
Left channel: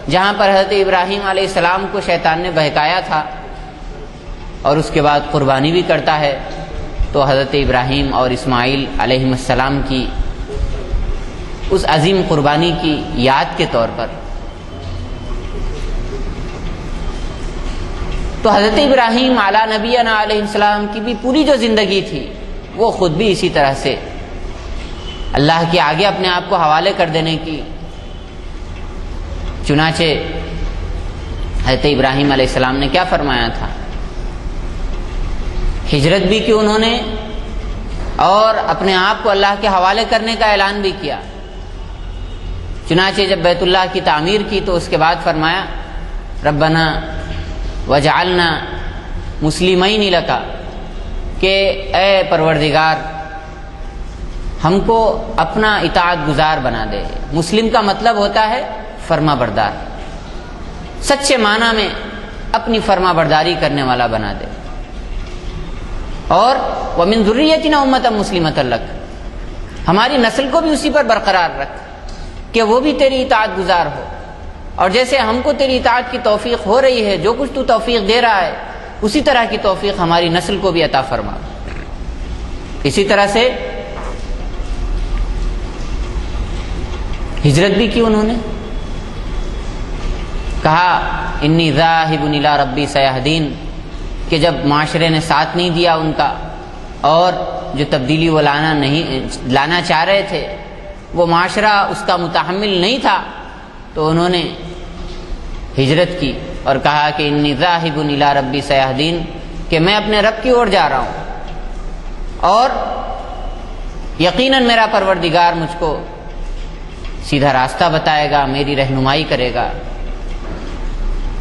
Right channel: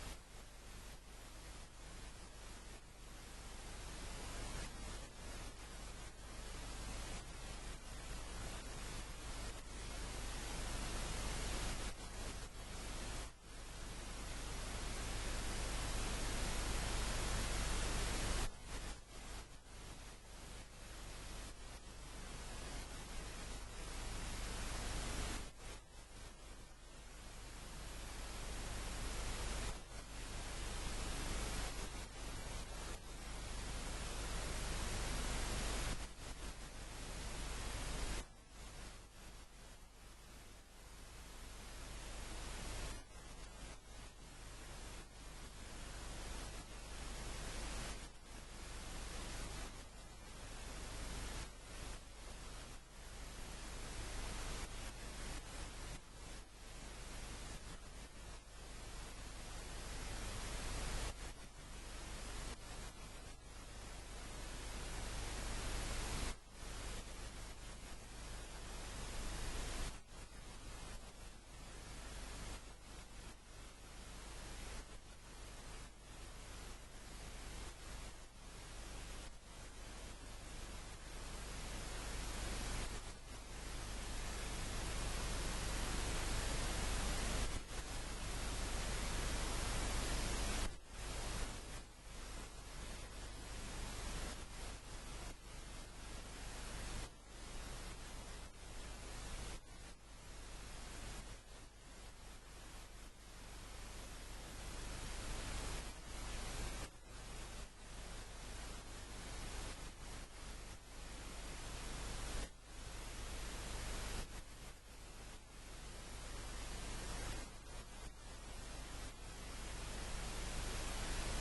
جہاں پر حضرت ابراہیم علیہ السلام کو شیطان نے بہکایا تھا، اور اس کے بعد قربانی بھی کرتا ہے. تو حضرت ابراہیم اور اسماعیل علیہ السلام کی اس عظیم قربانی کی یاد کے طور پر. تو حضرت ابراہیم علیہ نبینا علیہ السلام کی بھی پوری جو زندگی تھی وہ خود بھی اسی طرح سے اللہ کے آگے اپنے آپ کو حوالے کر دینے کی. چنانچہ حضرت ابراہیم علیہ السلام نے کیا فرمایا تھا؟ ہجرت بھی کی انہوں نے اور اپنے آپ کو اللہ کے حوالے کرنے کا اعلان بھی کیا. چنانچہ جب بیت اللہ کی تعمیر کی تو اس کے بعد فرمایا ربنا وجعلنا مسلمین لک، کہ اے پروردگار ہم کو اپنا اطاعت گزار بنا دے. مسلم کا مطلب ہوتا ہے فرما بردار، سچے معنی میں اپنی فرما برداری کرنے والا بنا دے. اور وَمِن ذُرِّيَّتِنَا أُمَّةً مُسْلِمَةً لَكَ، ہماری نسل کو بھی اسی پر برقرار رکھ کہ وہ بھی تیری اطاعت گزار ہو. اور جیسے ہم کو تیری اطاعت کی توفیق ہو رہی ہے، جو کچھ تو توفیق دے رہا ہے اسی طرح کی توفیق ہماری نسل کو بھی عطا فرما. اسی طرح سے ہجرت بھی کی انہوں نے. کہا انی ذاہب الی ربی سیہدین، کہ جب معاشرے نے ساتھ نہیں دیا ان کا اور جو تبدیلی وہ لانا چاہ رہے تھے وہ معاشرہ اس کا متحمل نہیں تھا، تو انہوں نے ہجرت کی اور کہا کہ انی ذاہب الی ربی سیہدین، کہ میں اپنے رب کی اور جا رہا ہوں اور یقیناً میرا پروردگار مجھ کو سیدھا راستہ بتائے گا، میری رہنمائی کرے گا.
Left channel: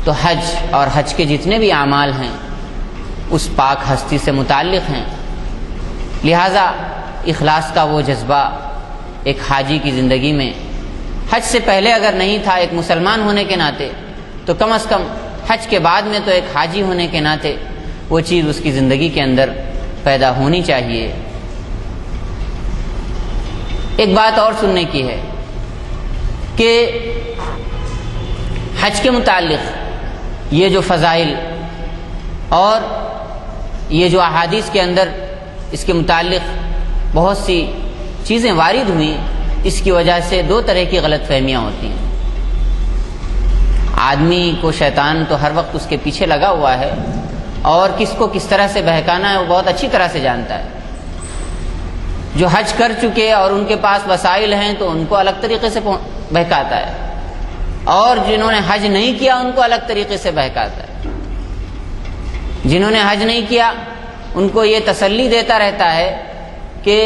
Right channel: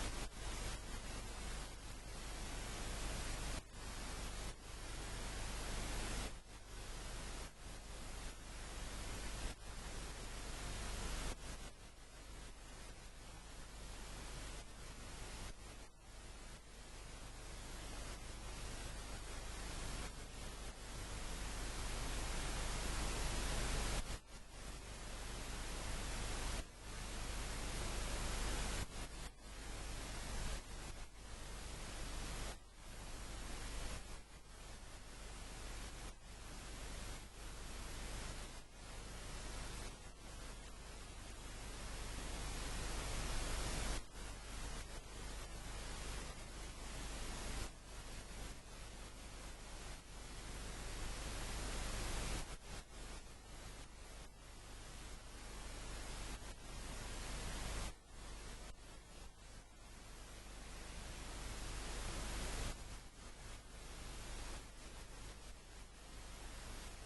تو حج اور حج کے جتنے بھی اعمال ہیں اس پاک ہستی سے متعلق ہیں، لہٰذا اخلاص کا وہ جذبہ ایک حاجی کی زندگی میں حج سے پہلے اگر نہیں تھا ایک مسلمان ہونے کے ناطے، تو کم از کم حج کے بعد میں تو ایک حاجی ہونے کے ناطے وہ چیز اس کی زندگی کے اندر پیدا ہونی چاہیے. ایک بات اور سننے کی ہے کہ حج کے متعلق یہ جو فضائل اور یہ جو احادیث کے اندر اس کے متعلق بہت سی چیزیں وارد ہوئیں، اس کی وجہ سے دو طرح کی غلط فہمیاں ہوتی ہیں. آدمی کو شیطان تو ہر وقت اس کے پیچھے لگا ہوا ہے اور کس کو کس طرح سے بہکانا ہے وہ بہت اچھی طرح سے جانتا ہے. جو حج کر چکے اور ان کے پاس وسائل ہیں تو ان کو الگ طریقے سے بہکاتا ہے، اور جنہوں نے حج نہیں کیا ان کو الگ طریقے سے بہکاتا ہے. جنہوں نے حج نہیں کیا ان کو یہ تسلی دیتا رہتا ہے کہ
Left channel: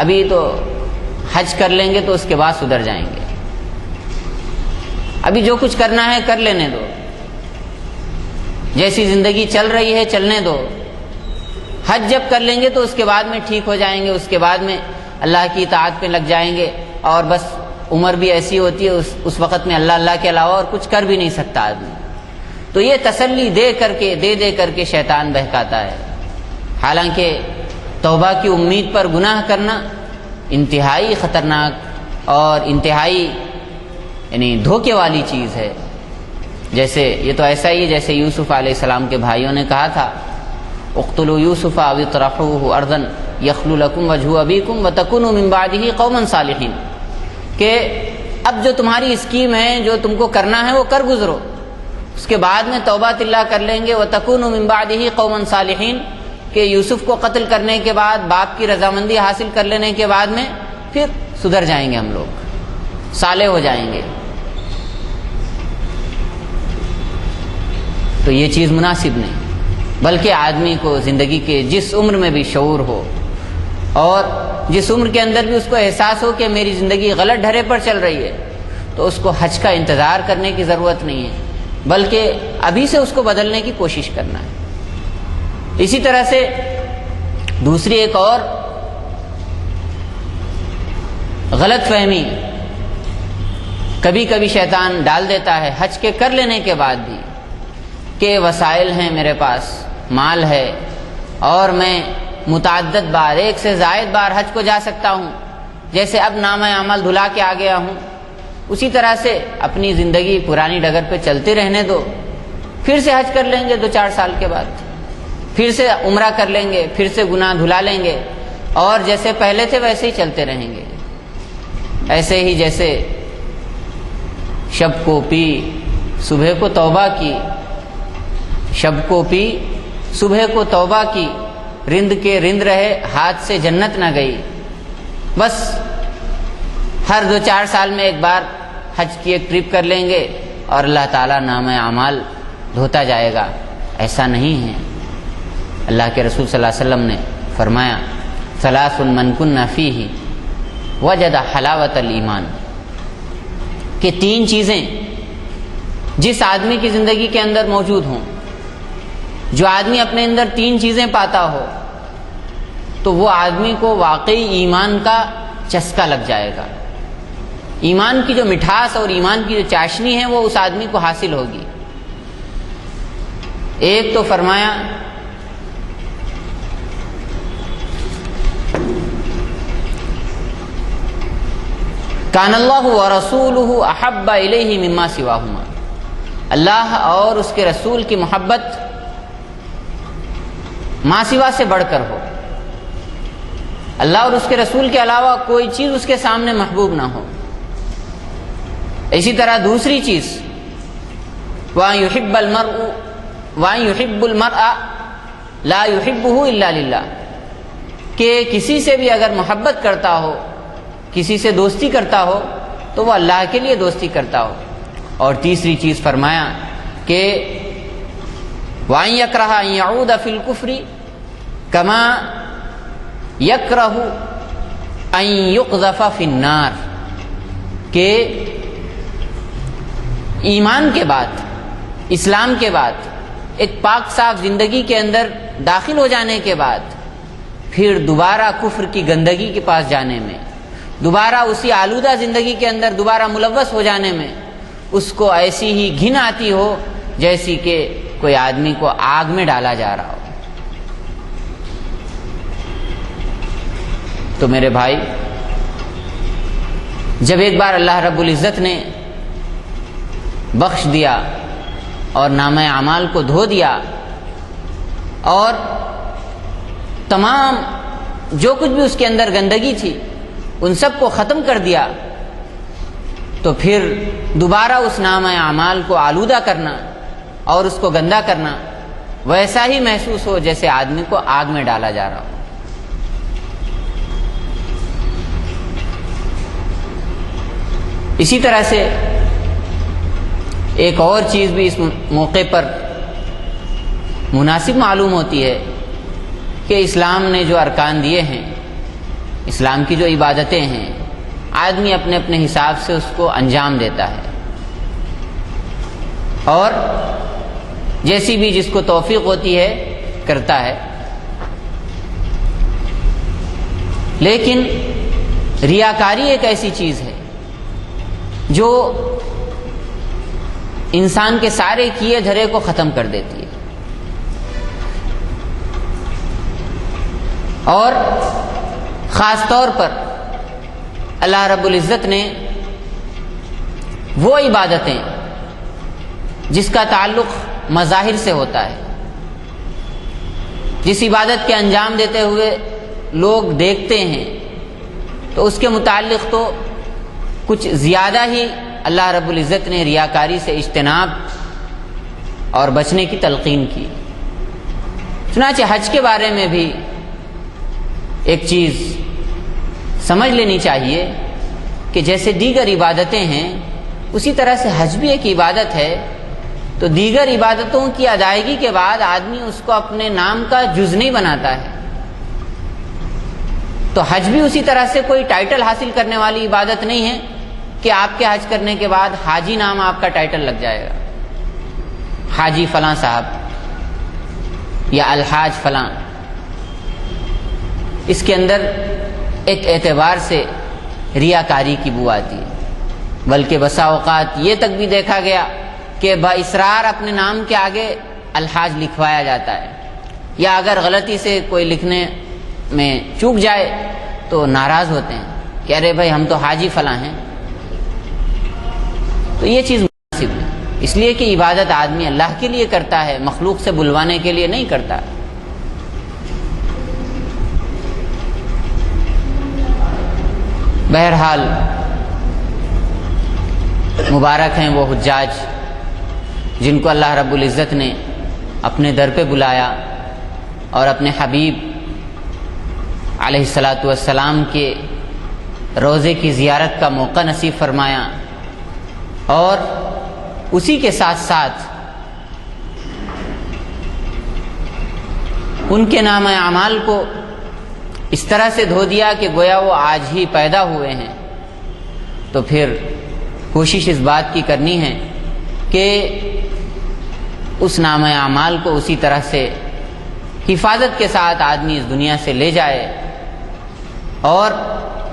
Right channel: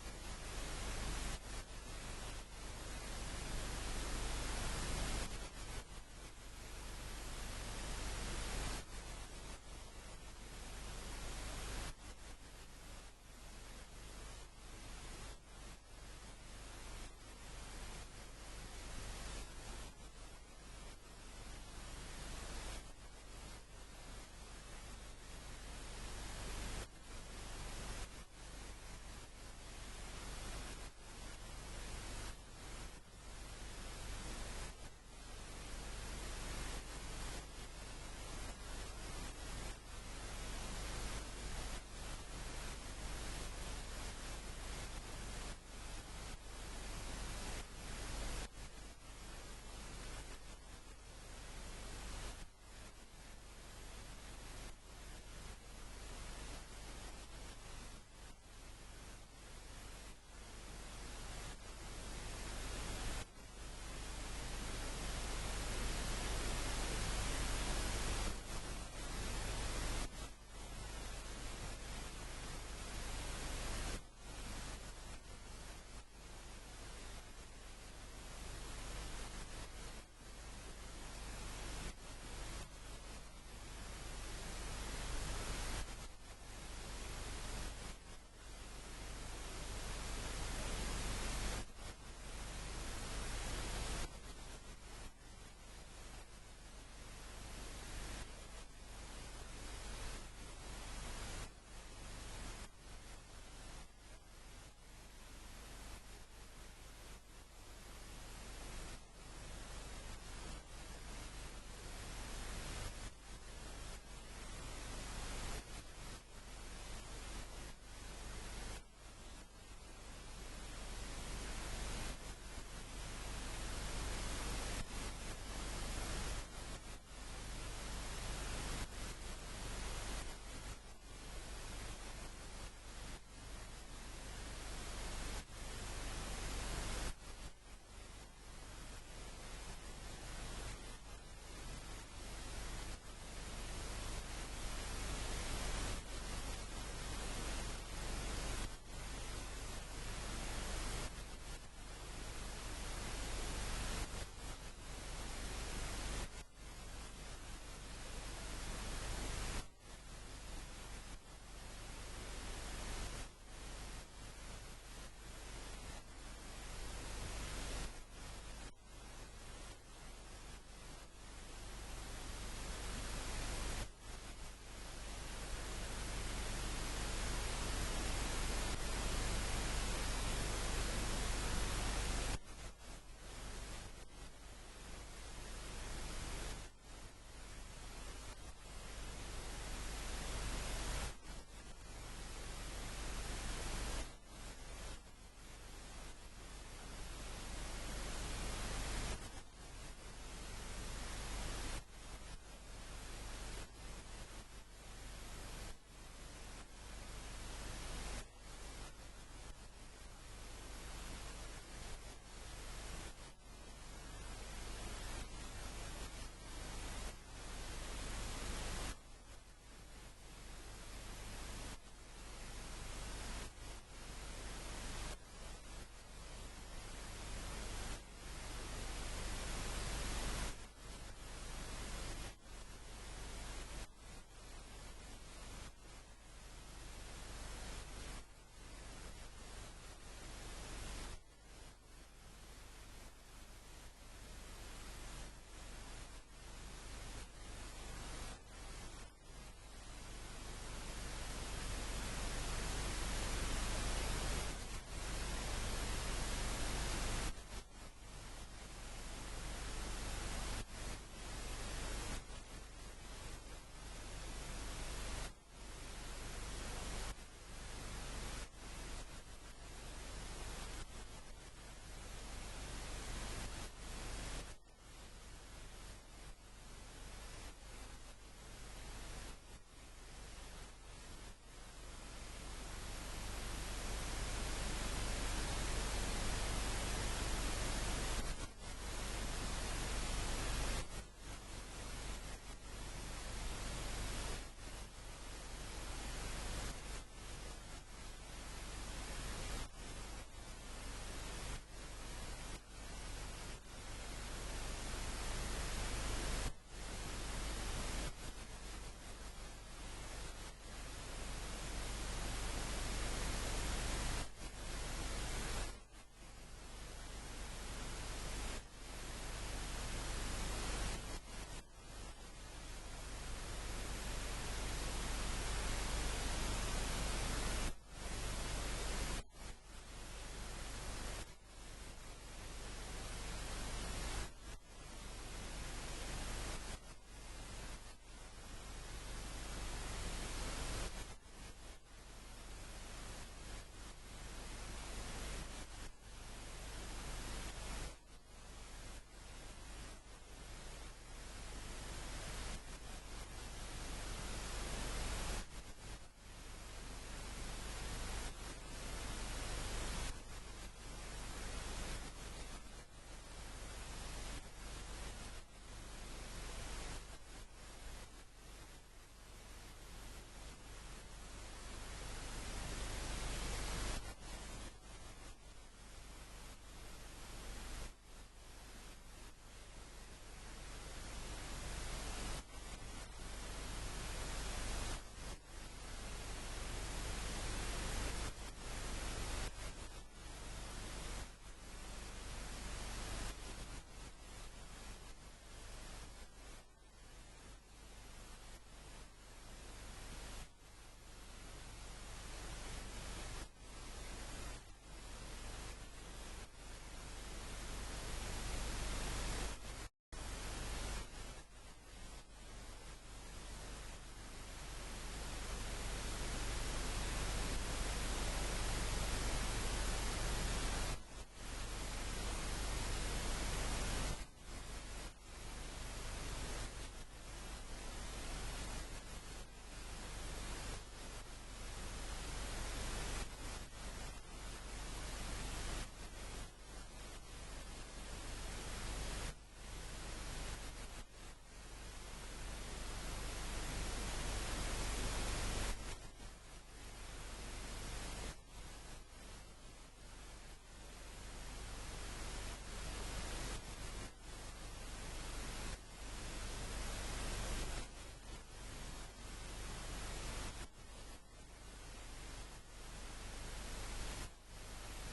ابھی تو حج کر لیں گے تو اس کے بعد سدھر جائیں گے، ابھی جو کچھ کرنا ہے کر لینے دو، جیسی زندگی چل رہی ہے چلنے دو، حج جب کر لیں گے تو اس کے بعد میں ٹھیک ہو جائیں گے، اس کے بعد میں اللہ کی اطاعت پہ لگ جائیں گے، اور بس عمر بھی ایسی ہوتی ہے اس وقت میں اللہ کے علاوہ اور کچھ کر بھی نہیں سکتا آدمی. تو یہ تسلی دے کر کے شیطان بہکاتا ہے. حالانکہ توبہ کی امید پر گناہ کرنا انتہائی خطرناک اور انتہائی یعنی دھوکے والی چیز ہے. جیسے یہ تو ایسا ہی ہے جیسے یوسف علیہ السلام کے بھائیوں نے کہا تھا اقتلوا یوسف او اطرحوه ارضا یخل لکم وجہ ابیکم وتکونوا من بعدہ قوما صالحین، کہ اب جو تمہاری اسکیم ہے جو تم کو کرنا ہے وہ کر گزرو، اس کے بعد میں توبہ اللہ کر لیں گے. وتکونوا من بعدہ قوما صالحین، کہ یوسف کو قتل کرنے کے بعد باپ کی رضامندی حاصل کر لینے کے بعد میں پھر سدھر جائیں گے، ہم لوگ صالح ہو جائیں گے. تو یہ چیز مناسب نہیں، بلکہ آدمی کو زندگی کے جس عمر میں بھی شعور ہو اور جس عمر کے اندر بھی اس کو احساس ہو کہ میری زندگی غلط ڈھرے پر چل رہی ہے تو اس کو حج کا انتظار کرنے کی ضرورت نہیں ہے، بلکہ ابھی سے اس کو بدلنے کی کوشش کرنا ہے۔ اسی طرح سے دوسری ایک اور غلط فہمی کبھی کبھی شیطان ڈال دیتا ہے حج کے کر لینے کے بعد بھی، کہ وسائل ہیں میرے پاس، مال ہے، اور میں متعدد بار، ایک سے زائد بار حج کو جا سکتا ہوں، جیسے اب نامہ عمل دھلا کے آ گیا ہوں، اسی طرح سے اپنی زندگی پرانی ڈگر پہ چلتے رہنے دو، پھر سے حج کر لیں گے 2-4 سال کے بعد، پھر سے عمرہ کر لیں گے، پھر سے گناہ دھلا لیں گے، اور جیسے پہلے تھے ویسے ہی چلتے رہیں گے۔ ایسے ہی جیسے شب کو پی صبح کو توبہ کی، شب کو پی صبح کو توبہ کی، رند کے رند رہے ہاتھ سے جنت نہ گئی، بس ہر 2-4 سال میں ایک بار حج کی ایک ٹرپ کر لیں گے اور اللہ تعالیٰ نامہ اعمال دھوتا جائے گا۔ ایسا نہیں ہے۔ اللہ کے رسول صلی اللہ علیہ وسلم نے فرمایا ثلاث من کن فیہ وجد حلاوت الایمان، کہ 3 چیزیں جس آدمی کی زندگی کے اندر موجود ہوں، جو آدمی اپنے اندر 3 چیزیں پاتا ہو تو وہ آدمی کو واقعی ایمان کا چسکا لگ جائے گا، ایمان کی جو مٹھاس اور ایمان کی جو چاشنی ہے وہ اس آدمی کو حاصل ہوگی۔ ایک تو فرمایا کان اللہ ورسولہ احب الیہ مما سواہما، اللہ اور اس کے رسول کی محبت ما سوا سے بڑھ کر ہو، اللہ اور اس کے رسول کے علاوہ کوئی چیز اس کے سامنے محبوب نہ ہو۔ اسی طرح دوسری چیز وَأَن يُحِبَّ الْمَرْءَ لَا يُحِبُّهُ إِلَّا لِلَّهِ، کہ کسی سے بھی اگر محبت کرتا ہو، کسی سے دوستی کرتا ہو تو وہ اللہ کے لیے دوستی کرتا ہو۔ اور تیسری چیز فرمایا کہ وَأَن يَكْرَهَ أَن يَعُودَ فِي الْكُفْرِ كَمَا يَكْرَهُ أَن يُقْذَفَ فِي النَّارِ، کہ ایمان کے بعد، اسلام کے بعد، ایک پاک صاف زندگی کے اندر داخل ہو جانے کے بعد پھر دوبارہ کفر کی گندگی کے پاس جانے میں، دوبارہ اسی آلودہ زندگی کے اندر دوبارہ ملوث ہو جانے میں اس کو ایسی ہی گھن آتی ہو جیسی کہ کوئی آدمی کو آگ میں ڈالا جا رہا ہو۔ تو میرے بھائی، جب ایک بار اللہ رب العزت نے بخش دیا اور نامہ اعمال کو دھو دیا اور تمام جو کچھ بھی اس کے اندر گندگی تھی ان سب کو ختم کر دیا، تو پھر دوبارہ اس نامہ اعمال کو آلودہ کرنا اور اس کو گندا کرنا ویسا ہی محسوس ہو جیسے آدمی کو آگ میں ڈالا جا رہا ہو۔ اسی طرح سے ایک اور چیز بھی اس موقع پر مناسب معلوم ہوتی ہے کہ اسلام نے جو ارکان دیے ہیں، اسلام کی جو عبادتیں ہیں، آدمی اپنے اپنے حساب سے اس کو انجام دیتا ہے اور جیسی بھی جس کو توفیق ہوتی ہے کرتا ہے، لیکن ریاکاری ایک ایسی چیز ہے جو انسان کے سارے کیے دھرے کو ختم کر دیتی ہے، اور خاص طور پر اللہ رب العزت نے وہ عبادتیں جس کا تعلق مظاہر سے ہوتا ہے، جس عبادت کے انجام دیتے ہوئے لوگ دیکھتے ہیں، تو اس کے متعلق تو کچھ زیادہ ہی اللہ رب العزت نے ریاکاری سے اجتناب اور بچنے کی تلقین کی۔ چنانچہ حج کے بارے میں بھی ایک چیز سمجھ لینی چاہیے کہ جیسے دیگر عبادتیں ہیں اسی طرح سے حج بھی ایک عبادت ہے، تو دیگر عبادتوں کی ادائیگی کے بعد آدمی اس کو اپنے نام کا جز نہیں بناتا ہے، تو حج بھی اسی طرح سے کوئی ٹائٹل حاصل کرنے والی عبادت نہیں ہے کہ آپ کے حج کرنے کے بعد حاجی نام آپ کا ٹائٹل لگ جائے گا، حاجی فلاں صاحب یا الحاج فلاں۔ اس کے اندر ایک اعتبار سے ریاکاری کی بو آتی ہے، بلکہ بسا اوقات یہ تک بھی دیکھا گیا کہ باصرار اپنے نام کے آگے الحاج لکھوایا جاتا ہے، یا اگر غلطی سے کوئی لکھنے میں چوک جائے تو ناراض ہوتے ہیں کہ ارے بھائی ہم تو حاجی فلاں ہیں۔ تو یہ چیز مناسب نہیں، اس لیے کہ عبادت آدمی اللہ کے لیے کرتا ہے، مخلوق سے بلوانے کے لیے نہیں کرتا۔ بہرحال مبارک ہیں وہ حجاج جن کو اللہ رب العزت نے اپنے در پہ بلایا اور اپنے حبیب علیہ الصلاۃ والسلام کے روضے کی زیارت کا موقع نصیب فرمایا، اور اسی کے ساتھ ساتھ ان کے نام اعمال کو اس طرح سے دھو دیا کہ گویا وہ آج ہی پیدا ہوئے ہیں۔ تو پھر کوشش اس بات کی کرنی ہے کہ اس نام اعمال کو اسی طرح سے حفاظت کے ساتھ آدمی اس دنیا سے لے جائے، اور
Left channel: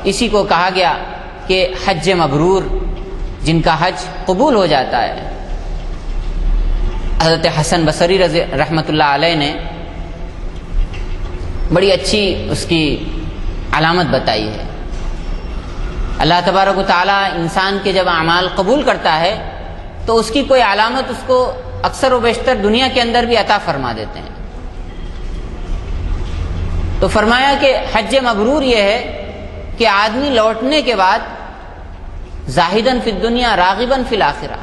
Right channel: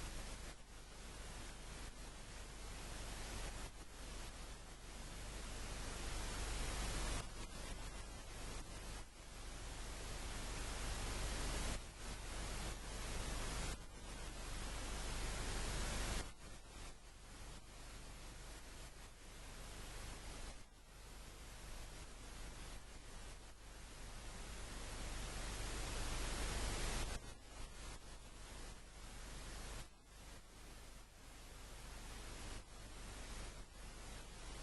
اسی کو کہا گیا کہ حج مبرور، جن کا حج قبول ہو جاتا ہے۔ حضرت حسن بصری رحمۃ اللہ علیہ نے بڑی اچھی اس کی علامت بتائی ہے۔ اللہ تبارک و تعالیٰ انسان کے جب اعمال قبول کرتا ہے تو اس کی کوئی علامت اس کو اکثر و بیشتر دنیا کے اندر بھی عطا فرما دیتے ہیں۔ تو فرمایا کہ حج مبرور یہ ہے کہ آدمی لوٹنے کے بعد زاہداً فی الدنیا راغباً فی الآخرہ،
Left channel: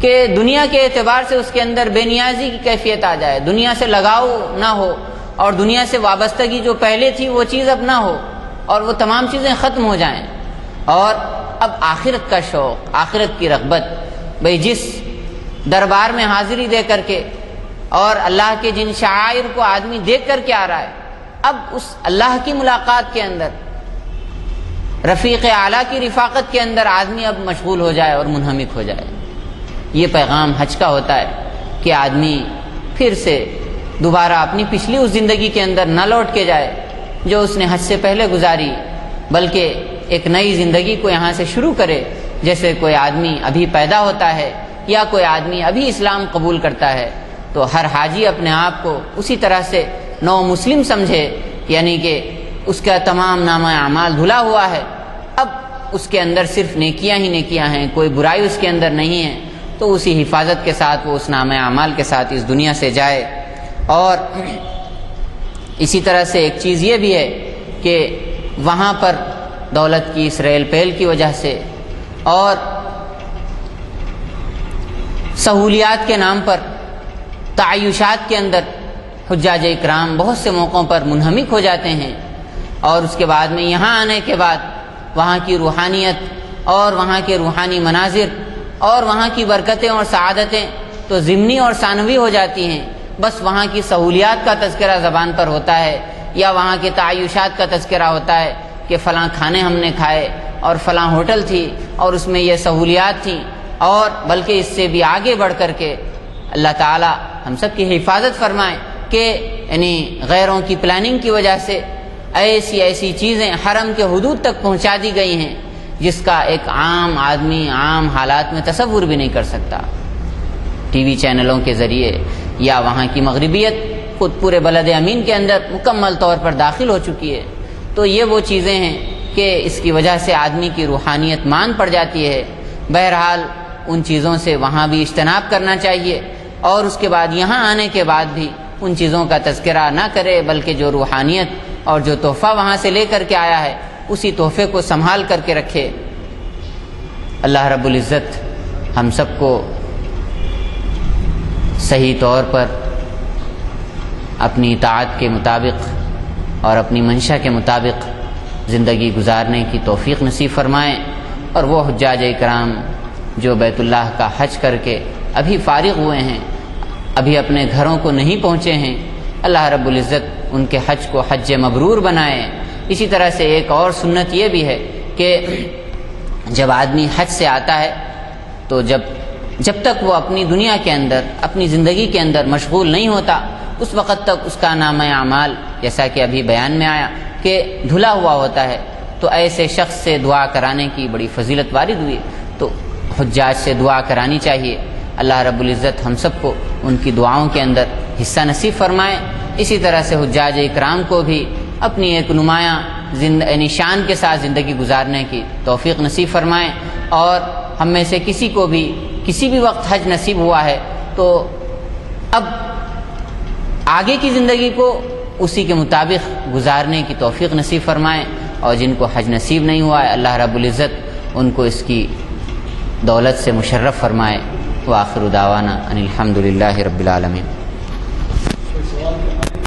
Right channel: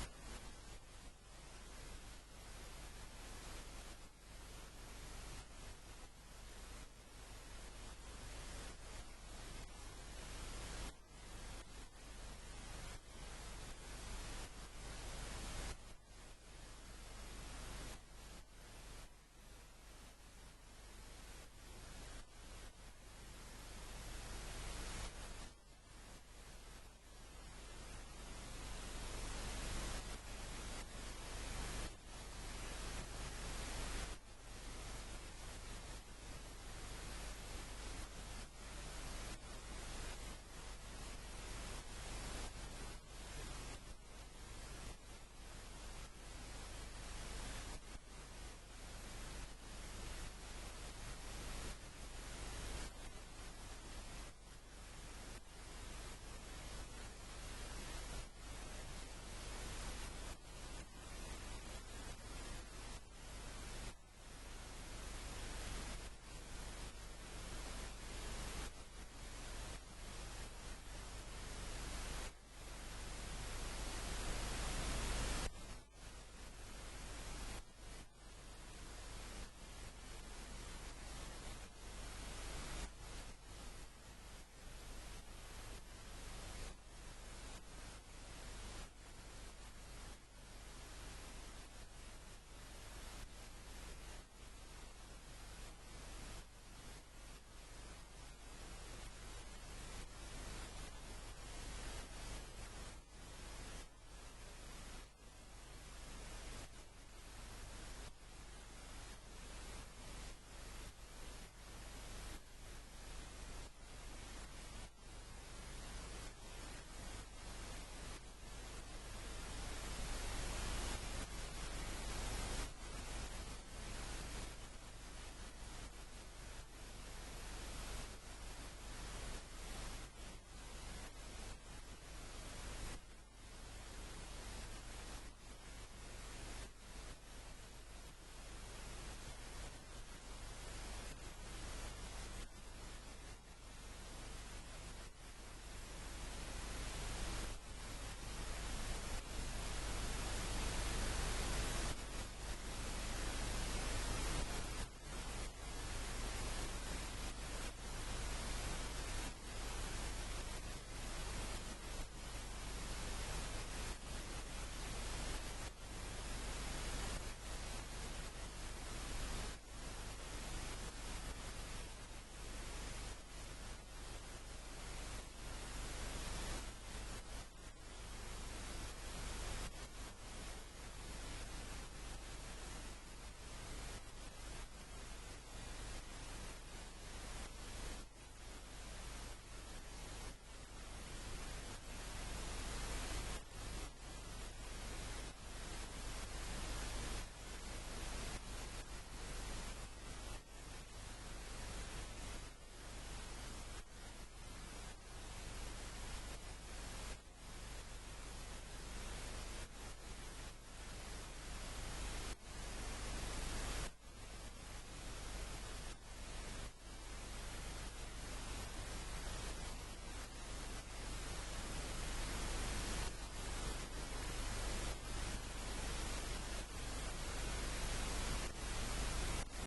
کہ دنیا کے اعتبار سے اس کے اندر بے نیازی کی کیفیت آ جائے، دنیا سے لگاؤ نہ ہو، اور دنیا سے وابستگی جو پہلے تھی وہ چیز اب نہ ہو، اور وہ تمام چیزیں ختم ہو جائیں، اور اب آخرت کا شوق، آخرت کی رغبت، بھئی جس دربار میں حاضری دے کر کے اور اللہ کے جن شعائر کو آدمی دیکھ کر کے آ رہا ہے، اب اس اللہ کی ملاقات کے اندر، رفیق اعلیٰ کی رفاقت کے اندر آدمی اب مشغول ہو جائے اور منہمک ہو جائے۔ یہ پیغام حج کا ہوتا ہے کہ آدمی پھر سے دوبارہ اپنی پچھلی اس زندگی کے اندر نہ لوٹ کے جائے جو اس نے حج سے پہلے گزاری، بلکہ ایک نئی زندگی کو یہاں سے شروع کرے، جیسے کوئی آدمی ابھی پیدا ہوتا ہے یا کوئی آدمی ابھی اسلام قبول کرتا ہے۔ تو ہر حاجی اپنے آپ کو اسی طرح سے نو مسلم سمجھے، یعنی کہ اس کا تمام نامہ اعمال دھلا ہوا ہے، اب اس کے اندر صرف نیکیاں ہی نیکیاں ہیں، کوئی برائی اس کے اندر نہیں ہے، تو اسی حفاظت کے ساتھ وہ اس نامہ اعمال کے ساتھ اس دنیا سے جائے۔ اور اسی طرح سے ایک چیز یہ بھی ہے کہ وہاں پر دولت کی اس ریل پیل کی وجہ سے اور سہولیات کے نام پر تعیشات کے اندر حجاج اکرام بہت سے موقعوں پر منہمک ہو جاتے ہیں، اور اس کے بعد میں یہاں آنے کے بعد وہاں کی روحانیت اور وہاں کے روحانی مناظر اور وہاں کی برکتیں اور سعادتیں تو ضمنی اور ثانوی ہو جاتی ہیں، بس وہاں کی سہولیات کا تذکرہ زبان پر ہوتا ہے، یا وہاں کے تعیشات کا تذکرہ ہوتا ہے کہ فلاں کھانے ہم نے کھائے اور فلاں ہوٹل تھی اور اس میں یہ سہولیات تھیں، اور بلکہ اس سے بھی آگے بڑھ کر کے اللہ تعالی ہم سب کی حفاظت فرمائے کہ یعنی غیروں کی پلاننگ کی وجہ سے ایسی چیزیں حرم کے حدود تک پہنچا دی گئی ہیں جس کا ایک عام آدمی عام حالات میں تصور بھی نہیں کر سکتا۔ ٹی وی چینلوں کے ذریعے یا وہاں کی مغربیت خود پورے بلد امین کے اندر مکمل طور پر داخل ہو چکی ہے۔ تو یہ وہ چیزیں ہیں کہ اس کی وجہ سے آدمی کی روحانیت مان پڑ جاتی ہے۔ بہرحال ان چیزوں سے وہاں بھی اجتناب کرنا چاہیے، اور اس کے بعد یہاں آنے کے بعد بھی ان چیزوں کا تذکرہ نہ کرے، بلکہ جو روحانیت اور جو تحفہ وہاں سے لے کر کے آیا ہے اسی تحفے کو سنبھال کر کے رکھے۔ اللہ رب العزت ہم سب کو صحیح طور پر اپنی اطاعت کے مطابق اور اپنی منشا کے مطابق زندگی گزارنے کی توفیق نصیب فرمائیں، اور وہ حجاج اکرام جو بیت اللہ کا حج کر کے ابھی فارغ ہوئے ہیں، ابھی اپنے گھروں کو نہیں پہنچے ہیں، اللہ رب العزت ان کے حج کو حج مبرور بنائے، اسی طرح سے ایک اور سنت یہ بھی ہے کہ جب آدمی حج سے آتا ہے تو جب تک وہ اپنی دنیا کے اندر اپنی زندگی کے اندر مشغول نہیں ہوتا اس وقت تک اس کا نامہ اعمال جیسا کہ ابھی بیان میں آیا کہ دھلا ہوا ہوتا ہے. تو ایسے شخص سے دعا کرانے کی بڑی فضیلت وارد ہوئی. تو حجاج سے دعا کرانی چاہیے. اللہ رب العزت ہم سب کو ان کی دعاؤں کے اندر حصہ نصیب فرمائے. اسی طرح سے حجاج اکرام کو بھی اپنی ایک نمایاں نشان کے ساتھ زندگی گزارنے کی توفیق نصیب فرمائیں. اور ہم میں سے کسی کو بھی کسی بھی وقت حج نصیب ہوا ہے تو اب آگے کی زندگی کو اسی کے مطابق گزارنے کی توفیق نصیب فرمائیں. اور جن کو حج نصیب نہیں ہوا ہے اللہ رب العزت ان کو اس کی دولت سے مشرف فرمائے. وآخر دعوانا ان الحمد للہ رب العالمین.